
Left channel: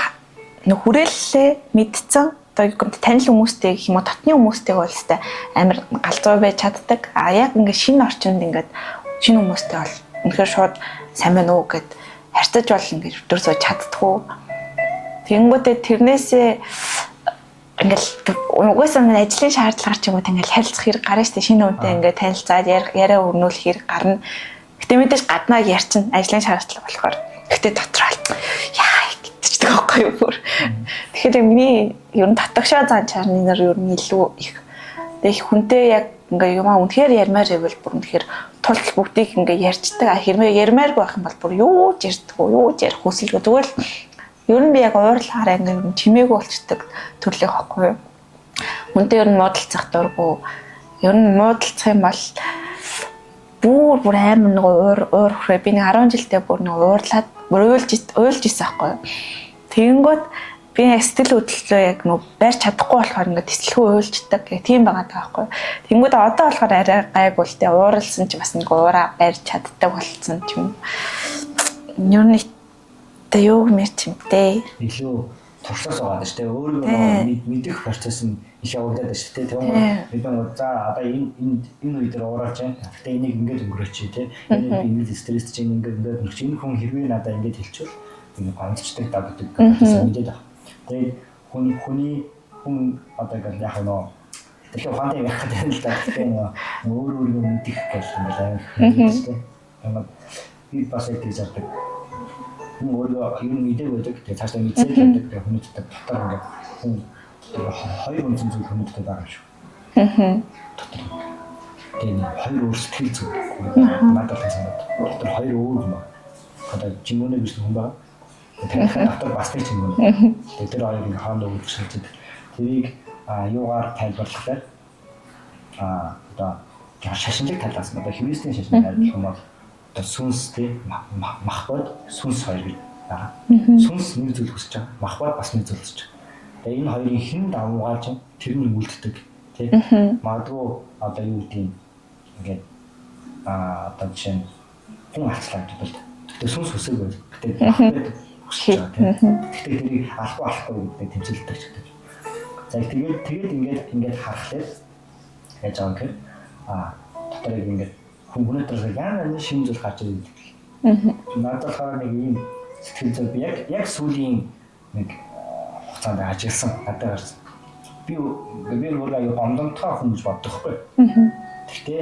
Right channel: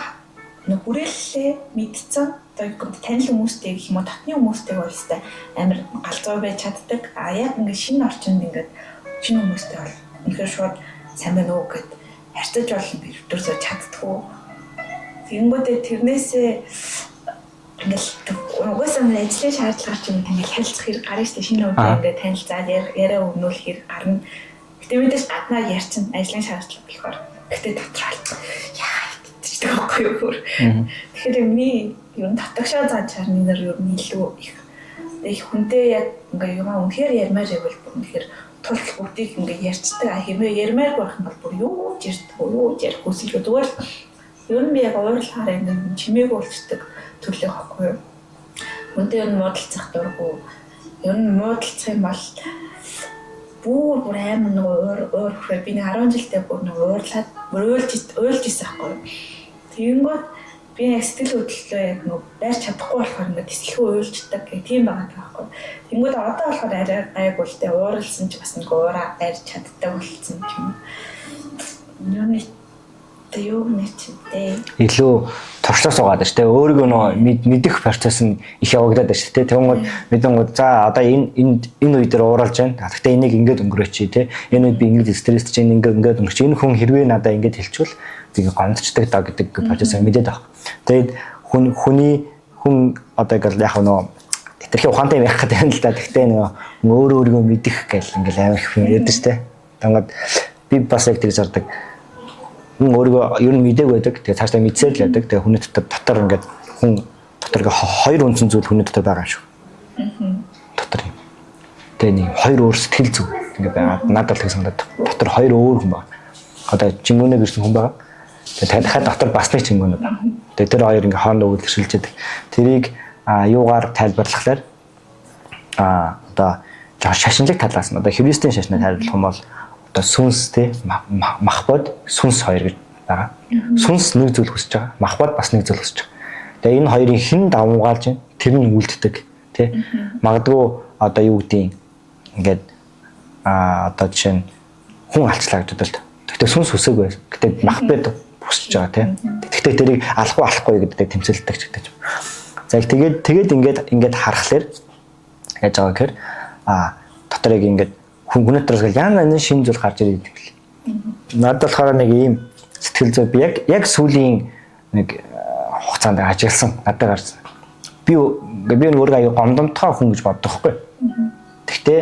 хүрээллээ мэдсэн одоо танил хүмүүстэй гэх юм уу татны хүмүүстэй бол өстэй амар галзуу байж чаддаг. Яг ингээд шинэ орчинд ингээд шинэ хүмүүстэй бол үнэхээр шууд сайн байна уу гэд харьцаж бол ингээд өдөрсөө чаддгүй. Тэгэнгүүтээ тэрнээсээ ингээл угаасаа ажлын шаардлагаар ч юм уу ингээл харилцах хэрэг гарна штэ шинэ үнтэй ингээд танилцаад яриа өрнүүлэх хэрэг гарна. Гэтэ мэдээж гаднаа ярьчин ажлын шаардлага болохоор. Гэтэ дотроо яа гэдчихдэг байхгүй юу. Тэгэхээр миний ер нь татагшаа зан чарнаар ер нь илүү их. Тэгээ хүнтэй яг ингээ юмаа үнэхээр ярмаар ивэл бүр үнэхээр тул бүгдийг ингээ ярьцдаг. Хэрвээ ярмаар байх юм бол бүр юу ч ярих хүсэлгүй зүгээр л ер нь би яг уурлахаараа ингээ ер нь чимээгүй болцдог төрлөх байхгүй юу. Хүнтэй ер нь муудалцах дурггүй. Ер нь муудалцах юм бол бүр амар нэг уурхраа би нэг 10 жилдээ бүр нэг уурлаад уйлж исэн байхгүй юу. Тэгэнгүүт би яг сэтгэл хөдлөлөө яг нөө барьж чадахгүй болохоор ингээд тэслэхүү уйлждаг гэх тийм байгаа байхгүй. Тэнгүүд одоо болохоор арай гайгүй л дээ ууралсан ч бас нэг уураа барьж чаддаг болсон ч юм. Юу нэг тэ юу мэрч юм дээ. Илүү туршлаа суугаад байна шүү дээ. Өөрийгөө нөө мэдэх процесс нь их явагдаад байна шүү дээ. Тэнгүүд мэдэнгүүд за одоо энэ үе дээр ууралж байна. Гэхдээ энийг ингээд өнгөрөөч тий. Энэ үед би ингээд стресст чинь ингээд өнгөрч энэ хүн хэрвээ надаа ингээд хэлчихвэл тэгээ гомдчдаг даа гэдэг процесс мэдээд байна. Тэгээд хүн одоо яг нөө хитрхи ухаантай байх гэдэг юм л да. Гэхдээ нөгөө өөрийгөө мэдэх гэл ингээл амар их юм ярьдаг штэ. Тангад би бас яг тэр зардаг. Хүн өөрийгөө ер нь мэдээг байдаг. Тэгээ цаашдаа мэдсээр л байдаг. Тэгээ хүний дотор ингээд хүн дотор хоёр үндсэн зүйл хүний дотор байгаа юм шүү. Дотор. Тэгээ нэг хоёр өөр сэтгэл зүг ингээд байгаа. Надад л тэг санагдаад. Дотор хоёр өөр хүн байна. Одоо Чингүнэ гэсэн хүн байгаа. Тэгээ танихаа дотор бас нэг Чингүнэ байна. Тэгээ тэр хоёр ингээд хоорондоо үйлчлж байдаг. Тэрийг юугаар тайлбарлахлаар одоо шашинлаг талаас нь одоо христийн шашныг тайлбарлах юм бол одоо сүнс те махбод сүнс хоёр гэж байгаа. Сүнс нэг зүйл хүсэж байгаа. Махбод бас нэг зүйл хүсэж байгаа. Тэгээ энэ хоёрын хэн давмгаалж байна? Тэр нь үлддэг тий. Магадгүй одоо юу гэдгийг ингээд одоо жишээ нь хүн алцлаа гэж бодвол тэгтээ сүнс хүсээгүй. Гэтэ махбод хүсэж байгаа тий. Тэгтээ тэрийг алахгүй гэдэг тэмцэлдэг ч гэдэг юм. За тэгээд ингээд харахаар яаж байгаа гэхээр дотор яг ингээд хүн дотроос яна шинэ зүйл гарч ирээд гэл. Надад болохоор нэг ийм сэтгэл зүй би яг сүүлийн нэг хугацаанд ажигласан надад гарсан. Би өөрөө аюу гомдомтгой хүн гэж боддог хгүй. Гэхдээ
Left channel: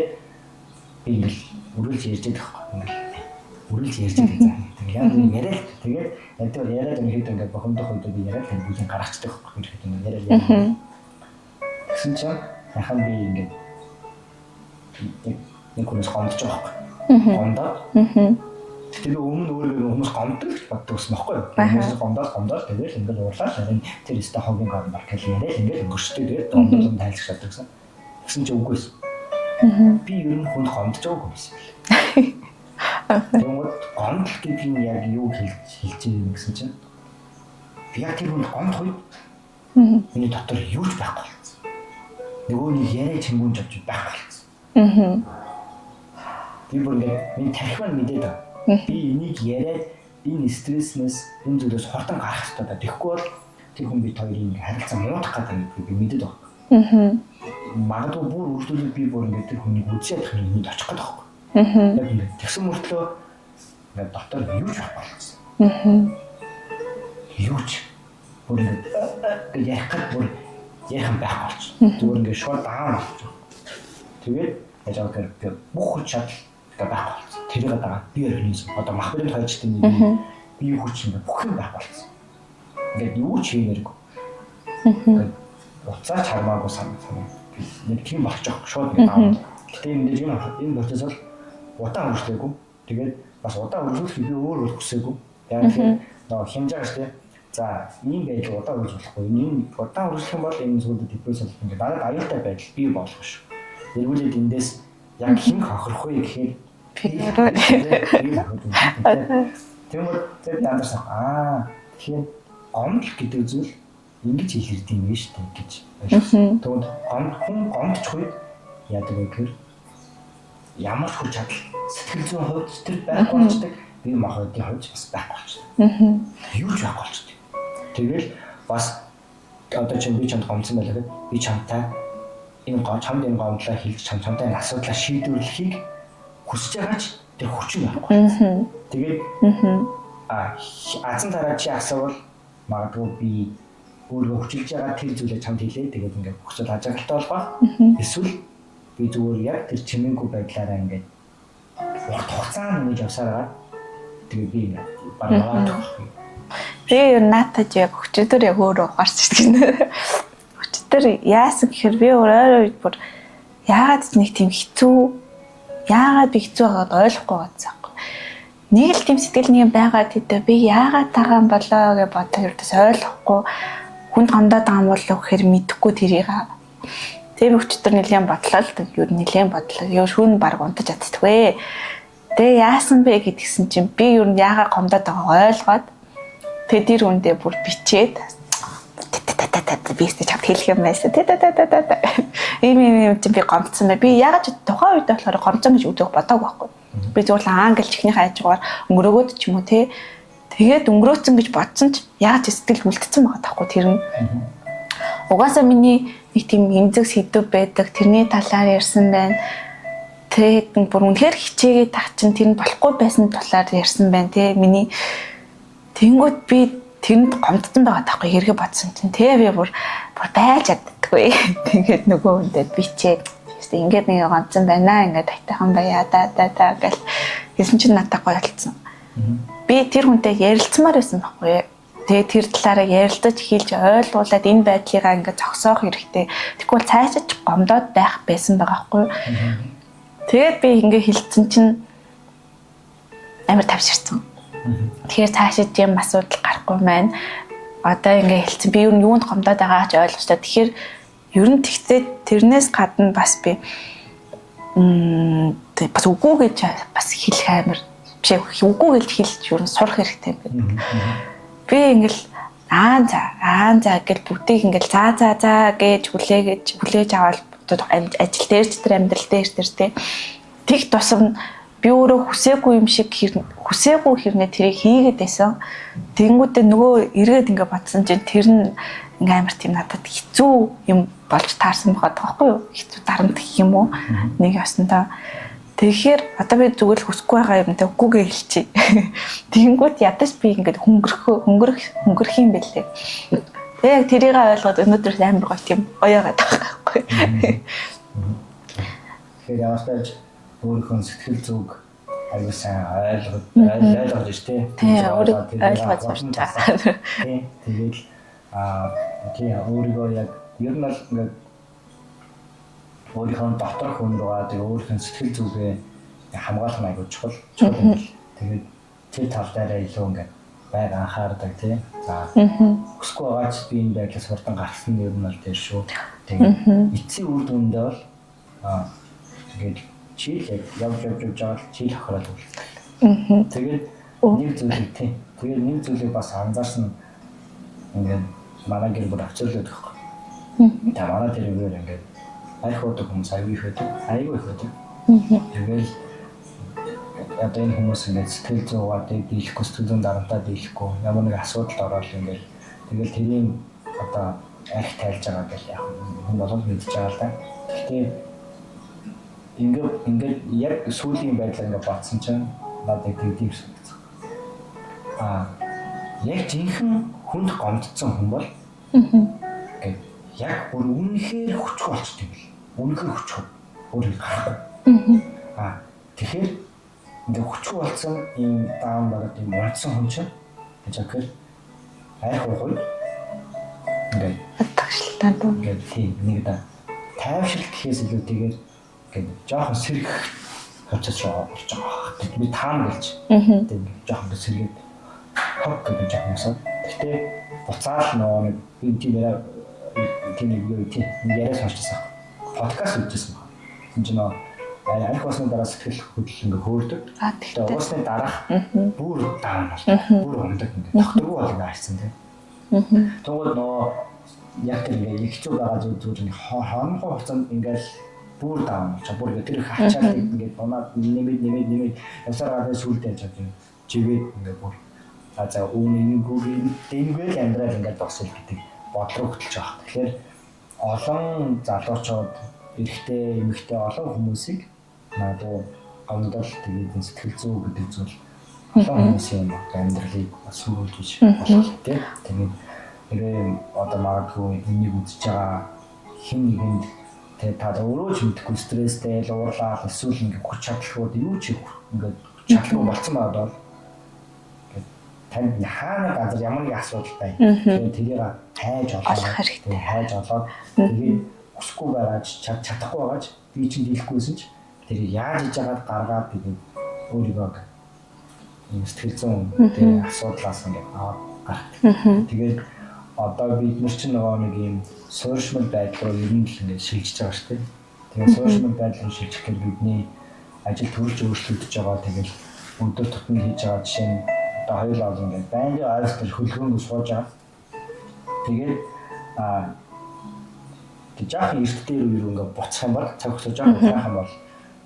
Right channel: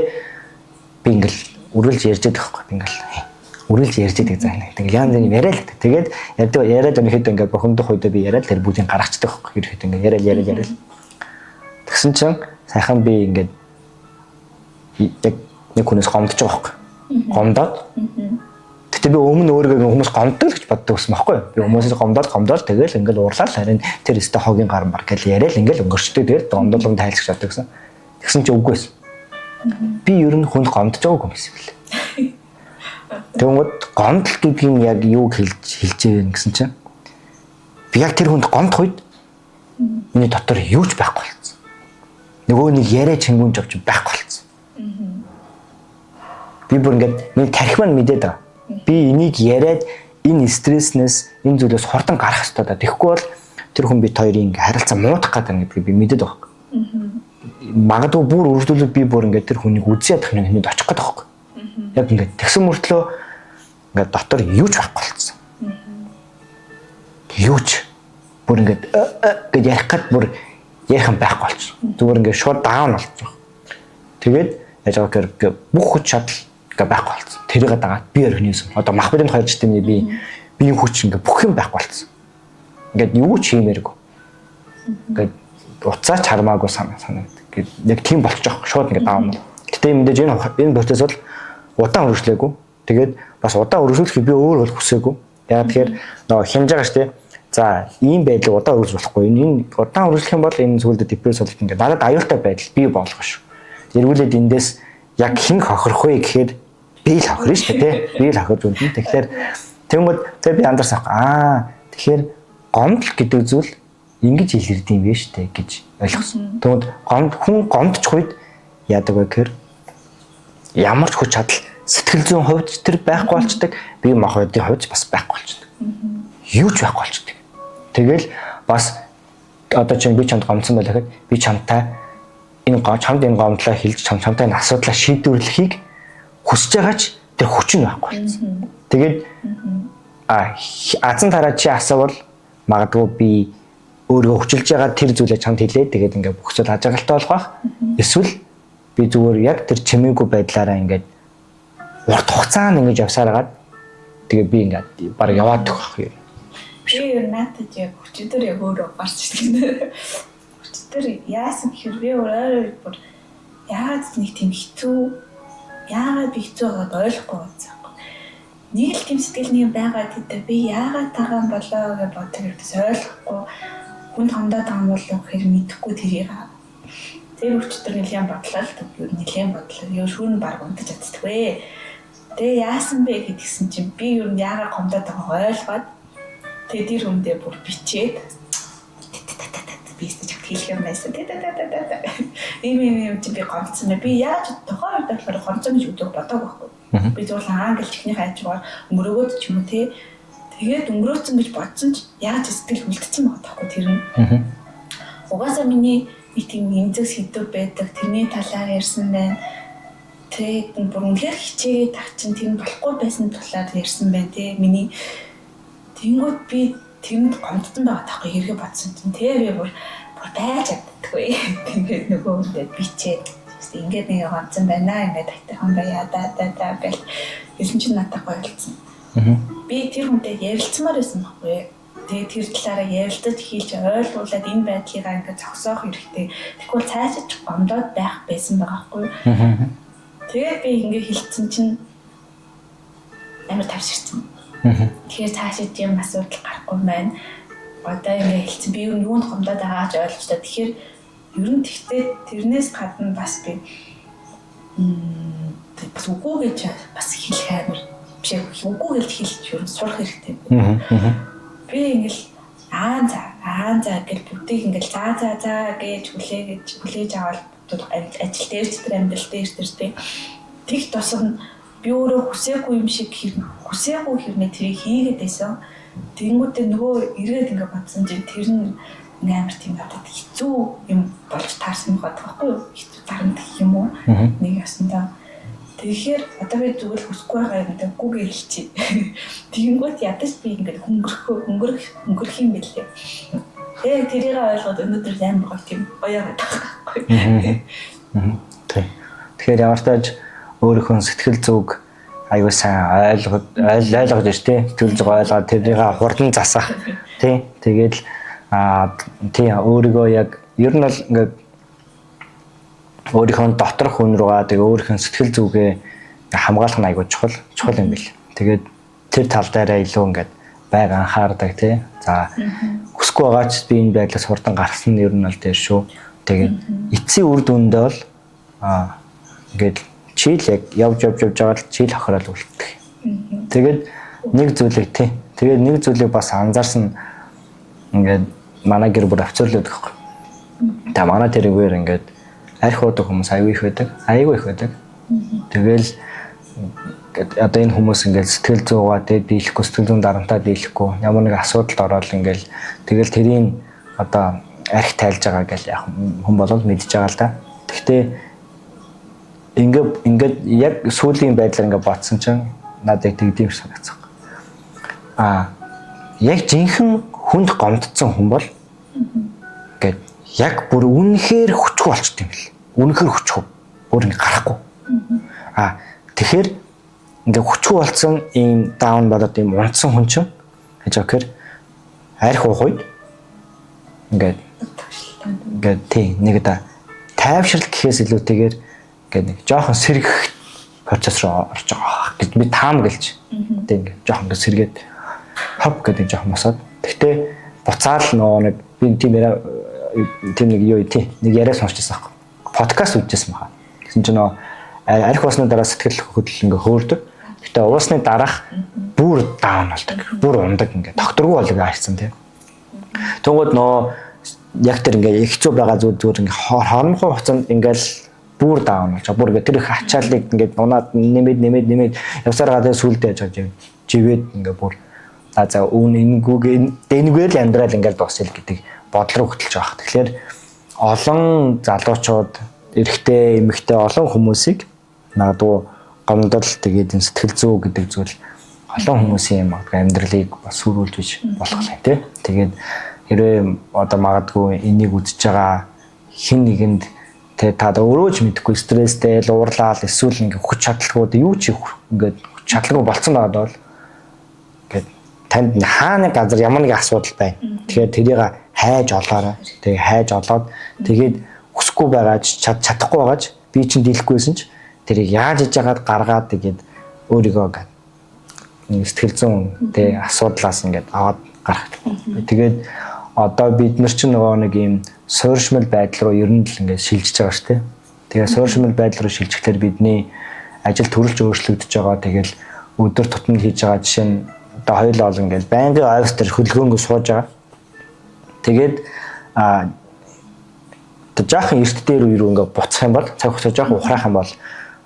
би ингээл үргэлж ярьж байдаг хгүй. Ингээл үргэлж ярьж байдаг заа. Тэгэл яан нэг яриа л. Тэгээд яриад өнөхэд ингээд бохомдох үедээ би яриад тэр бүгдийг гаргацдаг хгүй. Ирэхэд ингээд яриа. Тэгсэн чинь сайхан би ингээд яг нэг хүнээс гомдож байгаа хгүй. Гомдоод. Тэгтээ би өмнө өөрийгөө хүмүүс гомддог гэж боддог байсан байхгүй юу? Хүмүүсээс гомдоод тэгэл ингээл уурлаад харин тэр өстө хогийн гар мар гэж яриад ингээл өнгөрчтэй тэгэл гомдолон тайлж чаддаг гэсэн. Тэгсэн чи үгүй байсан. Би ер нь хүнд гомдож байгаагүй юм гэсэн юм лээ. Тэгмэд гомдол гэдэг нь яг юу хэлж байгаа гэсэн чинь би яг тэр хүнд гомдох үед миний дотор юу ч байхгүй болсон. Нөгөө нэг яриа чингүнж авч байхгүй болсон. Би бүр ингээд миний тарих маань мэдээд байгаа. Би энийг яриад энэ стресснээс энэ зүйлээс хурдан гарах хэрэгтэй да. Тэгэхгүй бол тэр хүн бит хоёрын харилцаа муудах гэдэг гэдгийг би мэдээд байгаа. Магадгүй бүр үргэлжлүүлээд би бүр ингээд тэр хүнийг үзээ ядах нэг хүнд очих гэдэг байгаа. Яг ингээд тэгсэн мөртлөө ингээд дотор юу ч байхгүй болсон. Юу ч бүр ингээд гэж ярих гад бүр ярих юм байхгүй болчихсон. Зүгээр ингээд шууд даун болчихсон. Тэгээд яаж байгаа гэхээр бүх хүч чадал байхгүй болсон. Тэрийг дагаад би өрхнийсэн. Одоо махбодын хоёр системний би хүч ингээ бүх юм байхгүй болсон. Ингээд юу ч хиймээргүй. Ингээд уцаач хармаагүй санаа. Яг тийм болчих. Шууд ингээ даав. Гэтэ мэдээж энэ процесс бол удаан үргэлжлээгүй. Тэгээд бас удаан үргэлжлүүлэхэд би өөр бол хүсээгүй. Яа тэгэхээр нөгөө хямж байгаа штэ. За ийм байдлыг удаан үргэлжлүүлэх болохгүй. Энэ удаан үргэлжлэх юм бол энэ зүйлд депресс болдог ингээ надад аюултай байдал бий болох шүү. Эргүүлээд эндээс яг хэн хохирох вэ гэхээр би л хохирно шүү дээ. Би л хохирж байна. Тэгэхээр тэгмэд би андарсан. Тэгэхээр гомдол гэдэг зүйл ингэж илэрдэг юм биш үү гэж ойлгосон. Тэгмэд хүн гомдчих үед яадаг вэ гэхээр ямар ч хүч чадал сэтгэл зүйн хувьд тэр байхгүй болчдөг. Би махбодын хувьд бас байхгүй болчдөг. Юу ч байхгүй болчдөг. Тэгэл бас одоо чинь би чамд гомдсон байлаа гэхэд би чамтай энэ гомдлоо хэлж чамтай энэ асуудлаа шийдвэрлэхийг хүсэж байгаач тэр хүч нь байхгүй. Тэгээд азан тараа чи асуувал магадгүй би өөрөө хүчилж байгаа тэр зүйлээ чамд хэлээ. Тэгээд ингээд бүх зүйл ажиглалтай болох байх. Эсвэл би зүгээр яг тэр чимээгүй байдлаараа ингээд урт хугацаанд ингэж явсаар хагаад тэгээд би ингээд баг яваад төгөх. Би юу наатаж яг хүчээр яг өөрөө ухаарч ирдэг. Хүчээр яасан гэхээр би өөрөө бүр яагаад нэг тийм хэцүү яагаад би хэцүү байгааг ойлгохгүй байсан. Нэг л тийм сэтгэл нэг байгаа гэдэг би яагаад тагаан болоо гэж бодож ердөөс ойлгохгүй хүнд гомдоод байгаа юм болов гэхээр мэдэхгүй тэрийг. Тэр хүчээр нэлээд бодлоо л юу нэлээд бодлоо. Юу шүүн баг унтаж чаддаггүй. Тэгээ яасан бэ гэдгсэн чинь би юу яагаад гомдоод байгааг ойлгоод тэгээ тэр үндэ бүр бичээд би ихтэй чад хэлэх юм байсан. Ийм чинь би гомдсон бай. Би яаж тухайн үед болохоор гомдсон гэж үзэх бодоагүй байхгүй. Би зүгээр л англ чихний хайжгаар өнгөрөөгөөд ч юм уу те. Тэгээд өнгөрөөцөн гэж бодсон ч яаж сэтгэл хүлдсэн байгаа таахгүй тэр нь. Угаасаа миний нэг тийм эмзэг сэдв байдаг. Тэрний талаар ярьсан байна. Тэгээд бүр үнэхээр хичээгээ тагчин тэр нь болохгүй байсан талаар ярьсан байна те. Миний тэнгууд би тэрэнд гомдсон байгаа таахгүй хэрэгэ бодсон чинь те би бүр байж чаддаггүй. Тэгээд нөгөө хүндээ бичээд ингээд нэг ганцхан байна ингээд айтайхан баяа да гэл хэлсэн чинь надад гоё болсон. Би тэр хүнтэй ярилцмаар байсан байхгүй. Тэгээд тэр талаараа ярилцаж хэлж ойлгуулад энэ байдлыгаа ингээд зогсоох хэрэгтэй. Тэгвэл цаашаач гомдоод байх байсан байгаа байхгүй. Тэгээд би ингээд хэлсэн чинь амар тавширсан. Тэгэхээр цаашаа тийм асуудал гарахгүй маань. Одоо ингээд хэлсэн би юу юунд гомдоод байгаач ойлгочлаа. Тэгэхээр ер нь тэгтээ тэрнээс гадна бас би бас үгүй гэж бас хэлэх амар биш үгүй гэж хэлж ер нь сурах хэрэгтэй. Би ингээл за гэж бүгдийг ингээл за гэж хүлээж аваад ажил дээрч тэр амьдрал дээр тий тэг тусам би өөрөө хүсээгүй юм шиг хүсээгүй хэрнээ тэрийг хийгээд байсан. Тэнгүүдээ нөгөө эргээд ингээ батсан чинь тэр нь ингээ амар тийм надад хэцүү юм болж таарсан байгаа байхгүй юу? Хэцүү дарамт гэх юм уу? Нэг яснаа. Тэгэхээр одоо би зүгээр л хүсэхгүй байгаа юмтай үгүйгээ хэлчихье. Тэнгүүд ядаж би ингээд хөнгөрөх юм бэлээ. Яг тэрийг ойлгоод өнөөдөр амар гоё тийм гоёгаад байгаа байхгүй. Тэгэхээр ямар ч тааж өөрийнхөө сэтгэл зүг аюу сайн ойлгож ш тий тэр зүг ойлгоод тэрийг хурдан засаа тий тэгээд тий өөрийгөө яг ер нь бол ингээд өөрийнхөө доторх хүн руугаа тэгээ өөрийнхөө сэтгэл зүгээ хамгаалах нь аюу чухал юм бэл. Тэгээд тэр тал дээрээ илүү ингээд байг анхаардаг тий. За хүсэхгүй байгаач би энэ байдлаас хурдан гарсан нь ер нь бол тэр шүү. Тэгээд эцсийн үр дүндээ бол ингээд чийл яг явж байгаа л чийл хохирол үлдэх. Тэгээд нэг зүйлийг тий. Тэгээд нэг зүйлийг бас анзаарсан ингээд манай гэр бүл авцуулдаг байхгүй. Тэгээ манай тэрүүгээр ингээд арх уудаг хүмүүс аюу их байдаг. Тэгэл одоо энэ хүмүүс ингээд сэтгэл зүйгаа тэгээд дийлэхгүй сэтгэл зүйн дарамтаа дийлэхгүй ямар нэг асуудалд ороод ингээд тэгэл тэрийн одоо арх тайлж байгаа гэж яг хүн болол мэдж байгаа л да. Гэхдээ ингээд яг сүүлийн байдлаар ингээд бодсон чинь надад тэгдэм шиг санагдсан. Яг жинхэнэ хүнд гомдсон хүн бол ингээд яг бүр үнэхээр хүчгүй болчт юм бэл. Үнэхээр хүчгүй. Бүр ингээд гарахгүй. Тэгэхээр ингээд хүчгүй болсон ийм даун болоод ийм унтсан хүн чинь гэж өгөхөр арх уух үед ингээд тагшлтаа дуу. Ингээд тий нэг да тайвшралт гэхээс илүүтэйгээр ингээд нэг жоохон сэргэх процесс руу орж байгаа гэж би таам гэлж. Тэ ингээд жоохон ингээд сэргээд хав гэдэг жоохон усаад. Гэхдээ буцаал нөгөө нэг би тийм нэг юу тий нэг яриа сонсчихсан аахгүй. Подкаст үзчихсэн байна. Тэгсэн чинь нөгөө арх усны дараа сэтгэл хөдлөл ингээ хөөрдөг. Гэтэ уусны дараах бүр даун болдог. Бүр ундаг ингээ докторгүй болог хайцсан тийм. Тэгвэл нөө яг тэр ингээ хэцүү байгаа зүгээр ингээ хоромхон хугацаанд ингээл бүр даун болж бүр ингээ тэр их ачааллыг ингээ унаад нэмээд явсараа тэгээ сүулдэ яаж живээд ингээ бүр за энэгээр л амьдрал ингээ дуусъя гэдэг бодол руу хөтлөж байгаа. Тэгэхээр олон залуучууд эрэгтэй эмэгтэй олон хүмүүсийг наагадгүй гомдол тэгээд сэтгэл зүй гэдэг зүйл олон хүмүүсийн амьдралыг бас сүрүүлж бич болох юм тий. Тэгээд хэрвээ одоо магадгүй энийг үзэж байгаа хэн нэгэнд та өөрөө ч мэдэхгүй стресстэй л уурлаад эсвэл ингээ хүч чадалгууд юу ч ингээд хүч чадалгүй болцсон байгаад бол ингээд танд хаана газар ямар нэг асуудал байна. Тэгэхээр тэрийг хайж олоорой. Тэгээ хайж олоод тэгээд хүсэхгүй байгааж чадахгүй байгааж би чинь дийлэхгүйсэн ч тэрийг яаж хийж яагаад гаргаад тэгээд өөрийгөө сэтгэл зүйн тий асуудлаас ингээд аваад гарах. Тэгээд одоо бид нар чинь нөгөө нэг юм суурьшмал байдал руу ер нь л ингээд шилжиж байгаа шүү дээ. Тэгээд суурьшмал байдал руу шилжихлээр бидний ажил төрөлж өөрчлөгдөж байгаа. Тэгэл өдөр тутмын хийж байгаа жишээ нь одоо хоёулаа бол ингээд байнгын офис дээр хөдөлгөөнгөө сууж байгаа. Тэгээд жаахан эрт дээр үерүү ингээд буцах юм бол цаг хугацаа жаахан ухраах юм бол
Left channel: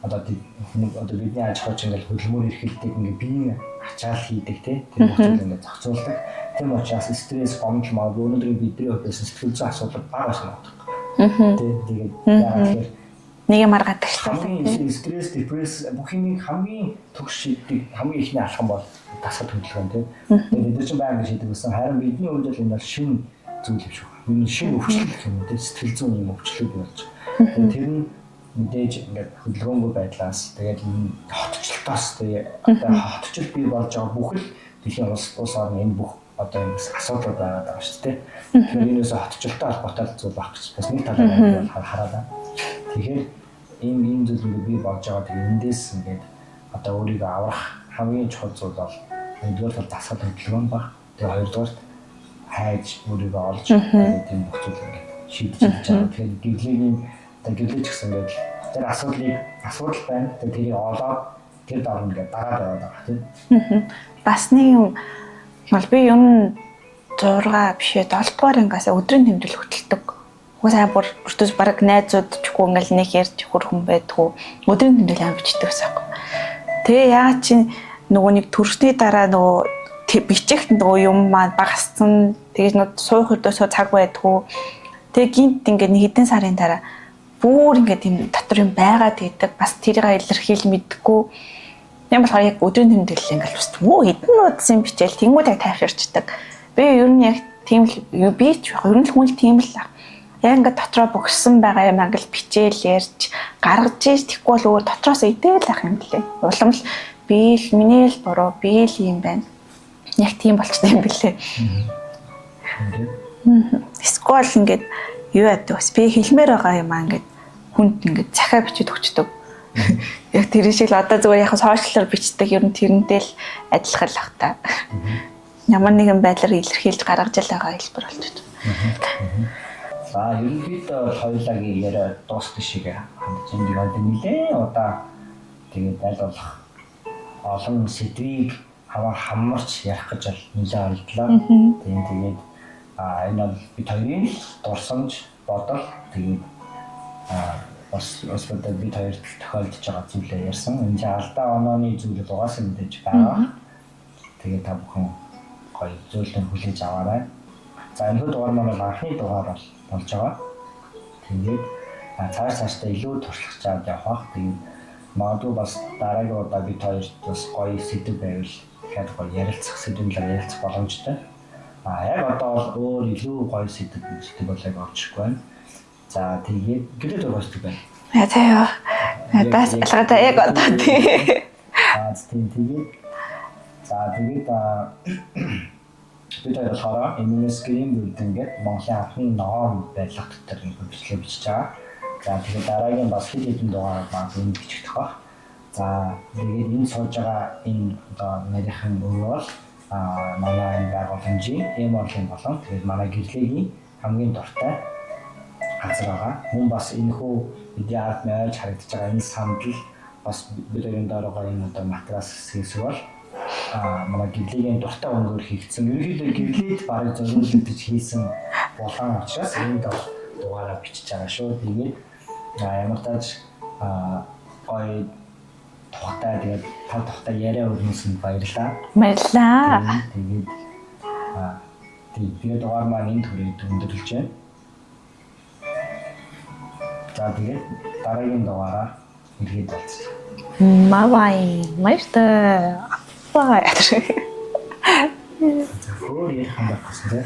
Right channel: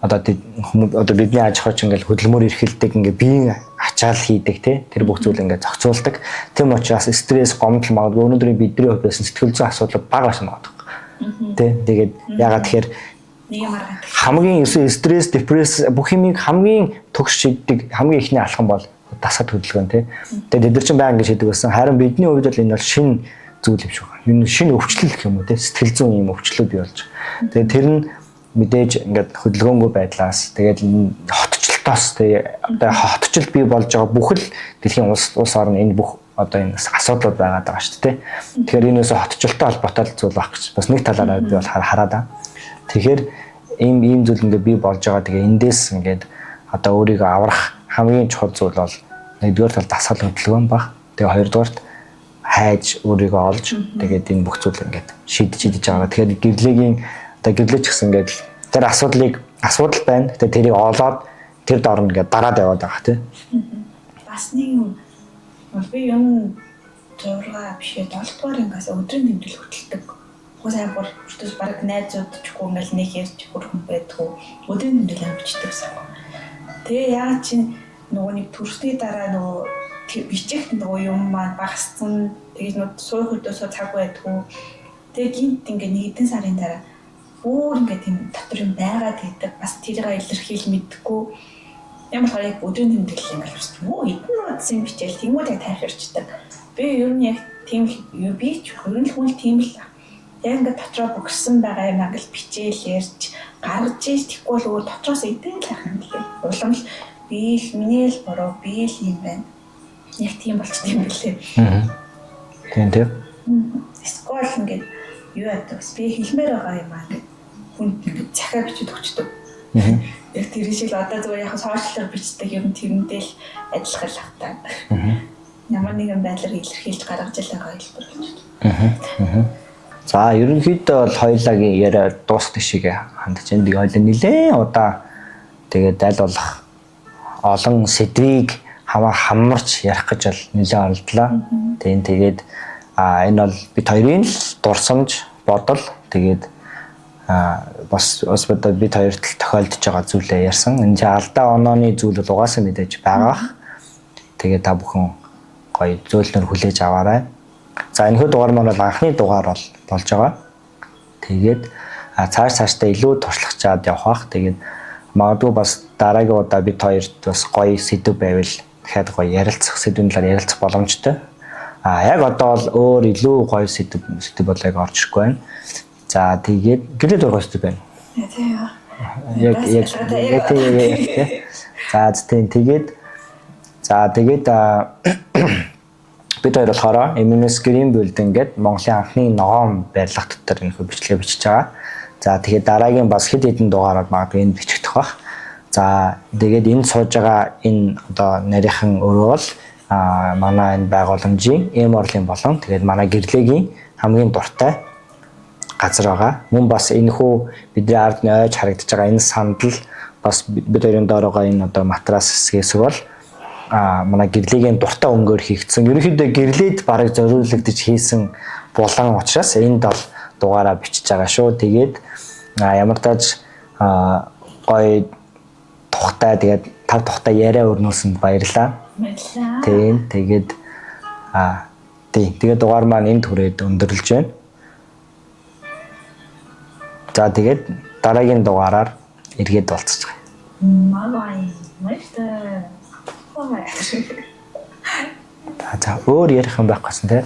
одоо бидний аж ахуйч ингээд хөдөлмөр эрхэлдэг ингээд биеийн ачаал хийдэг тэр бүх зүйл ингээд зохицуулдаг. Тэм учраас стресс, гомдол магадгүй өнөөдрийн бидний хувьд сэтгэл зүйн асуудал бага байсан байна. Тэгээд ягаад тэгэхээр нэг юм аргадаг. Хамгийн стресс, депресс бүх юмыг хамгийн төгс шийддэг хамгийн ихний алхам бол дасгал хөдөлгөөн . Тэгээд бид нар чинь баян гэж шийдэг байсан. Харин бидний хувьд бол энэ бол шинэ зүйл юм шиг байна. Энэ шинэ өвчлөл гэх юм уу те сэтгэл зүйн юм өвчлөл бий болж. Тэгээд тэр нь мэдээж ингээд хөдөлгөөнгүй байдлаас тэгээд хотчлолтоос одоо хотчлол бий болж байгаа бүхэл дэлхийн улс орн энэ бүх одоо энэ асуудлууд байгаад байгаа шүү дээ. Тэгэхээр энэс хотчлолтой холбоотой зүйл баг гэж бас нэг талаараа би бол хараад байна. Тэгэхээр ийм зүйл ингээд бий болж байгаа. Тэгээ эндээс ингээд одоо өөрийгөө аврах хамгийн чухал зүйл бол нэгдүгээр тал дасгал хөдөлгөөн баг. Тэгээ хоёрдугаарт хайж өөрийгөө олж тэгээд энэ бүх зүйл ингээд шийдэж байгаа. Тэгэхээр гэрлэгийн одоо гэрлэж гэсэн ингээд тэр асуудал байна. Тэгээд тэрийг олоод тэр дор ингээд дараад яваад байгаа тийм. Бас нэг юм бол би юм 6 бишээ 7 дугаар ангиас өдрийн тэмдэглэл хөтэлдэг. Уусаа бүр бүртээс баг найзууд чгүй ингээл нэг ярьж хөрхөн байдгүй өдрийн тэмдэглэл ам бичдэг гэсэн юм. Тэгээ яа чи нөгөө нэг төрсний дараа нөгөө бичих нөгөө юм маань багассан. Тэгээд нөгөө суух өдөөсөө цаг байдгүй. Тэгээ гинт ингээд нэг хэдэн сарын дараа бүр ингээд тийм дотор юм байгаад идэг. Бас тэрийг илэрхийл мэдгүй. Тийм болохоор яг өдрийн тэмдэглэл ингээд бас хэдэн удсан бичээл тэнгууд яг тайвширчдаг. Би ер нь яг тийм л би ч ер нь л хүн тийм л яг ингээд дотроо бөгссөн байгаа юм англ бичээл ярьж гаргаж ийж тэггүй бол өөр дотроос идээл ах юм лээ. Улам л би л миний л буруу би л юм байна. Яг тийм болчтой юм билээ. Тийм тийм. Скол ингээд юу яадаг бас би хэлмээр байгаа юм аа ингээд хүнд ингээд захаа бичиж өгчдөг. Яг тэр шиг л одоо зүгээр яг сошиалаар бичдэг ер нь тэрнтэй л адилхан л ах та. Ямар нэгэн байдлаар илэрхийлж гаргаж л байгаа хэлбэр болж байна. За ерөнхийдөө бол хоёулагийн яриа дуусах шиг хандж энд хоёул нэлээд удаа тэгээд аль болох олон сэдвийг хамарч ярих гэж бол нэлээд оролдлоо. Тэгээд энэ бол бид хоёрын л дурсамж бодол тэгээд бас бид хоёрт л тохиолдож байгаа зүйлээ ярьсан. Энэ чинь алдаа онооны зүйл бол угаасаа мэдээж байгаа. Тэгээд та бүхэн гоё зөөлнөр хүлээж аваарай. За энэ дугаар маань бол анхны дугаар болж байгаа. Тэгээд цаашдаа илүү туршлагачаад явах бах. Тэгээд магадгүй бас дараагийн удаа бид хоёрт бас гоё сэдв байвал дахиад гоё ярилцах сэдвийн талаар ярилцах боломжтой. Яг одоо бол өөр илүү гоё сэдв болоог орж ирэхгүй байна. За тэгээд гэлээ дургуй сэдв байна. Яа. Бас ялгаатай яг одоо. Тэгээд бид хоёр болохоор MMS Green Building гэдэг Монголын анхны ногоон барилга дотор энэ хөө бичлэгээ бичиж байгаа. За тэгээд дараагийн бас хэд хэдэн дугаараар магадгүй энд бичихдэх бах. За тэгээд энд сууж байгаа энэ одоо нарийнхан өөрөө бол манай энэ байгууламжийн Oral болон тэгээд манай гэрлэгийн хамгийн дуртай газар байгаа. Мөн бас энэ хүү бидний ард нь ойж харагдаж байгаа энэ сандал бас бид хоёрын доор байгаа энэ одоо матрас хэсгээс бол манай гэрлэгийн дуртай өнгөөр хийгдсэн. Ерөнхийдөө гэрлээд бараг зориулагдаж хийсэн булан учраас энд бол дугаараа бичиж байгаа шүү. Тэгээд ямар тааж гоё тухтай тэгээд тав тухтай яриа өрнүүлсэнд баярлалаа. Баярлалаа. Тэгээд дугаар маань энд хүрээд өндөрлөж байна. За тэгээд дараагийн дугаараар эргээд уулзах. Мавай, мааштай. Бай. За өөр ярих юм байх гэсэн те.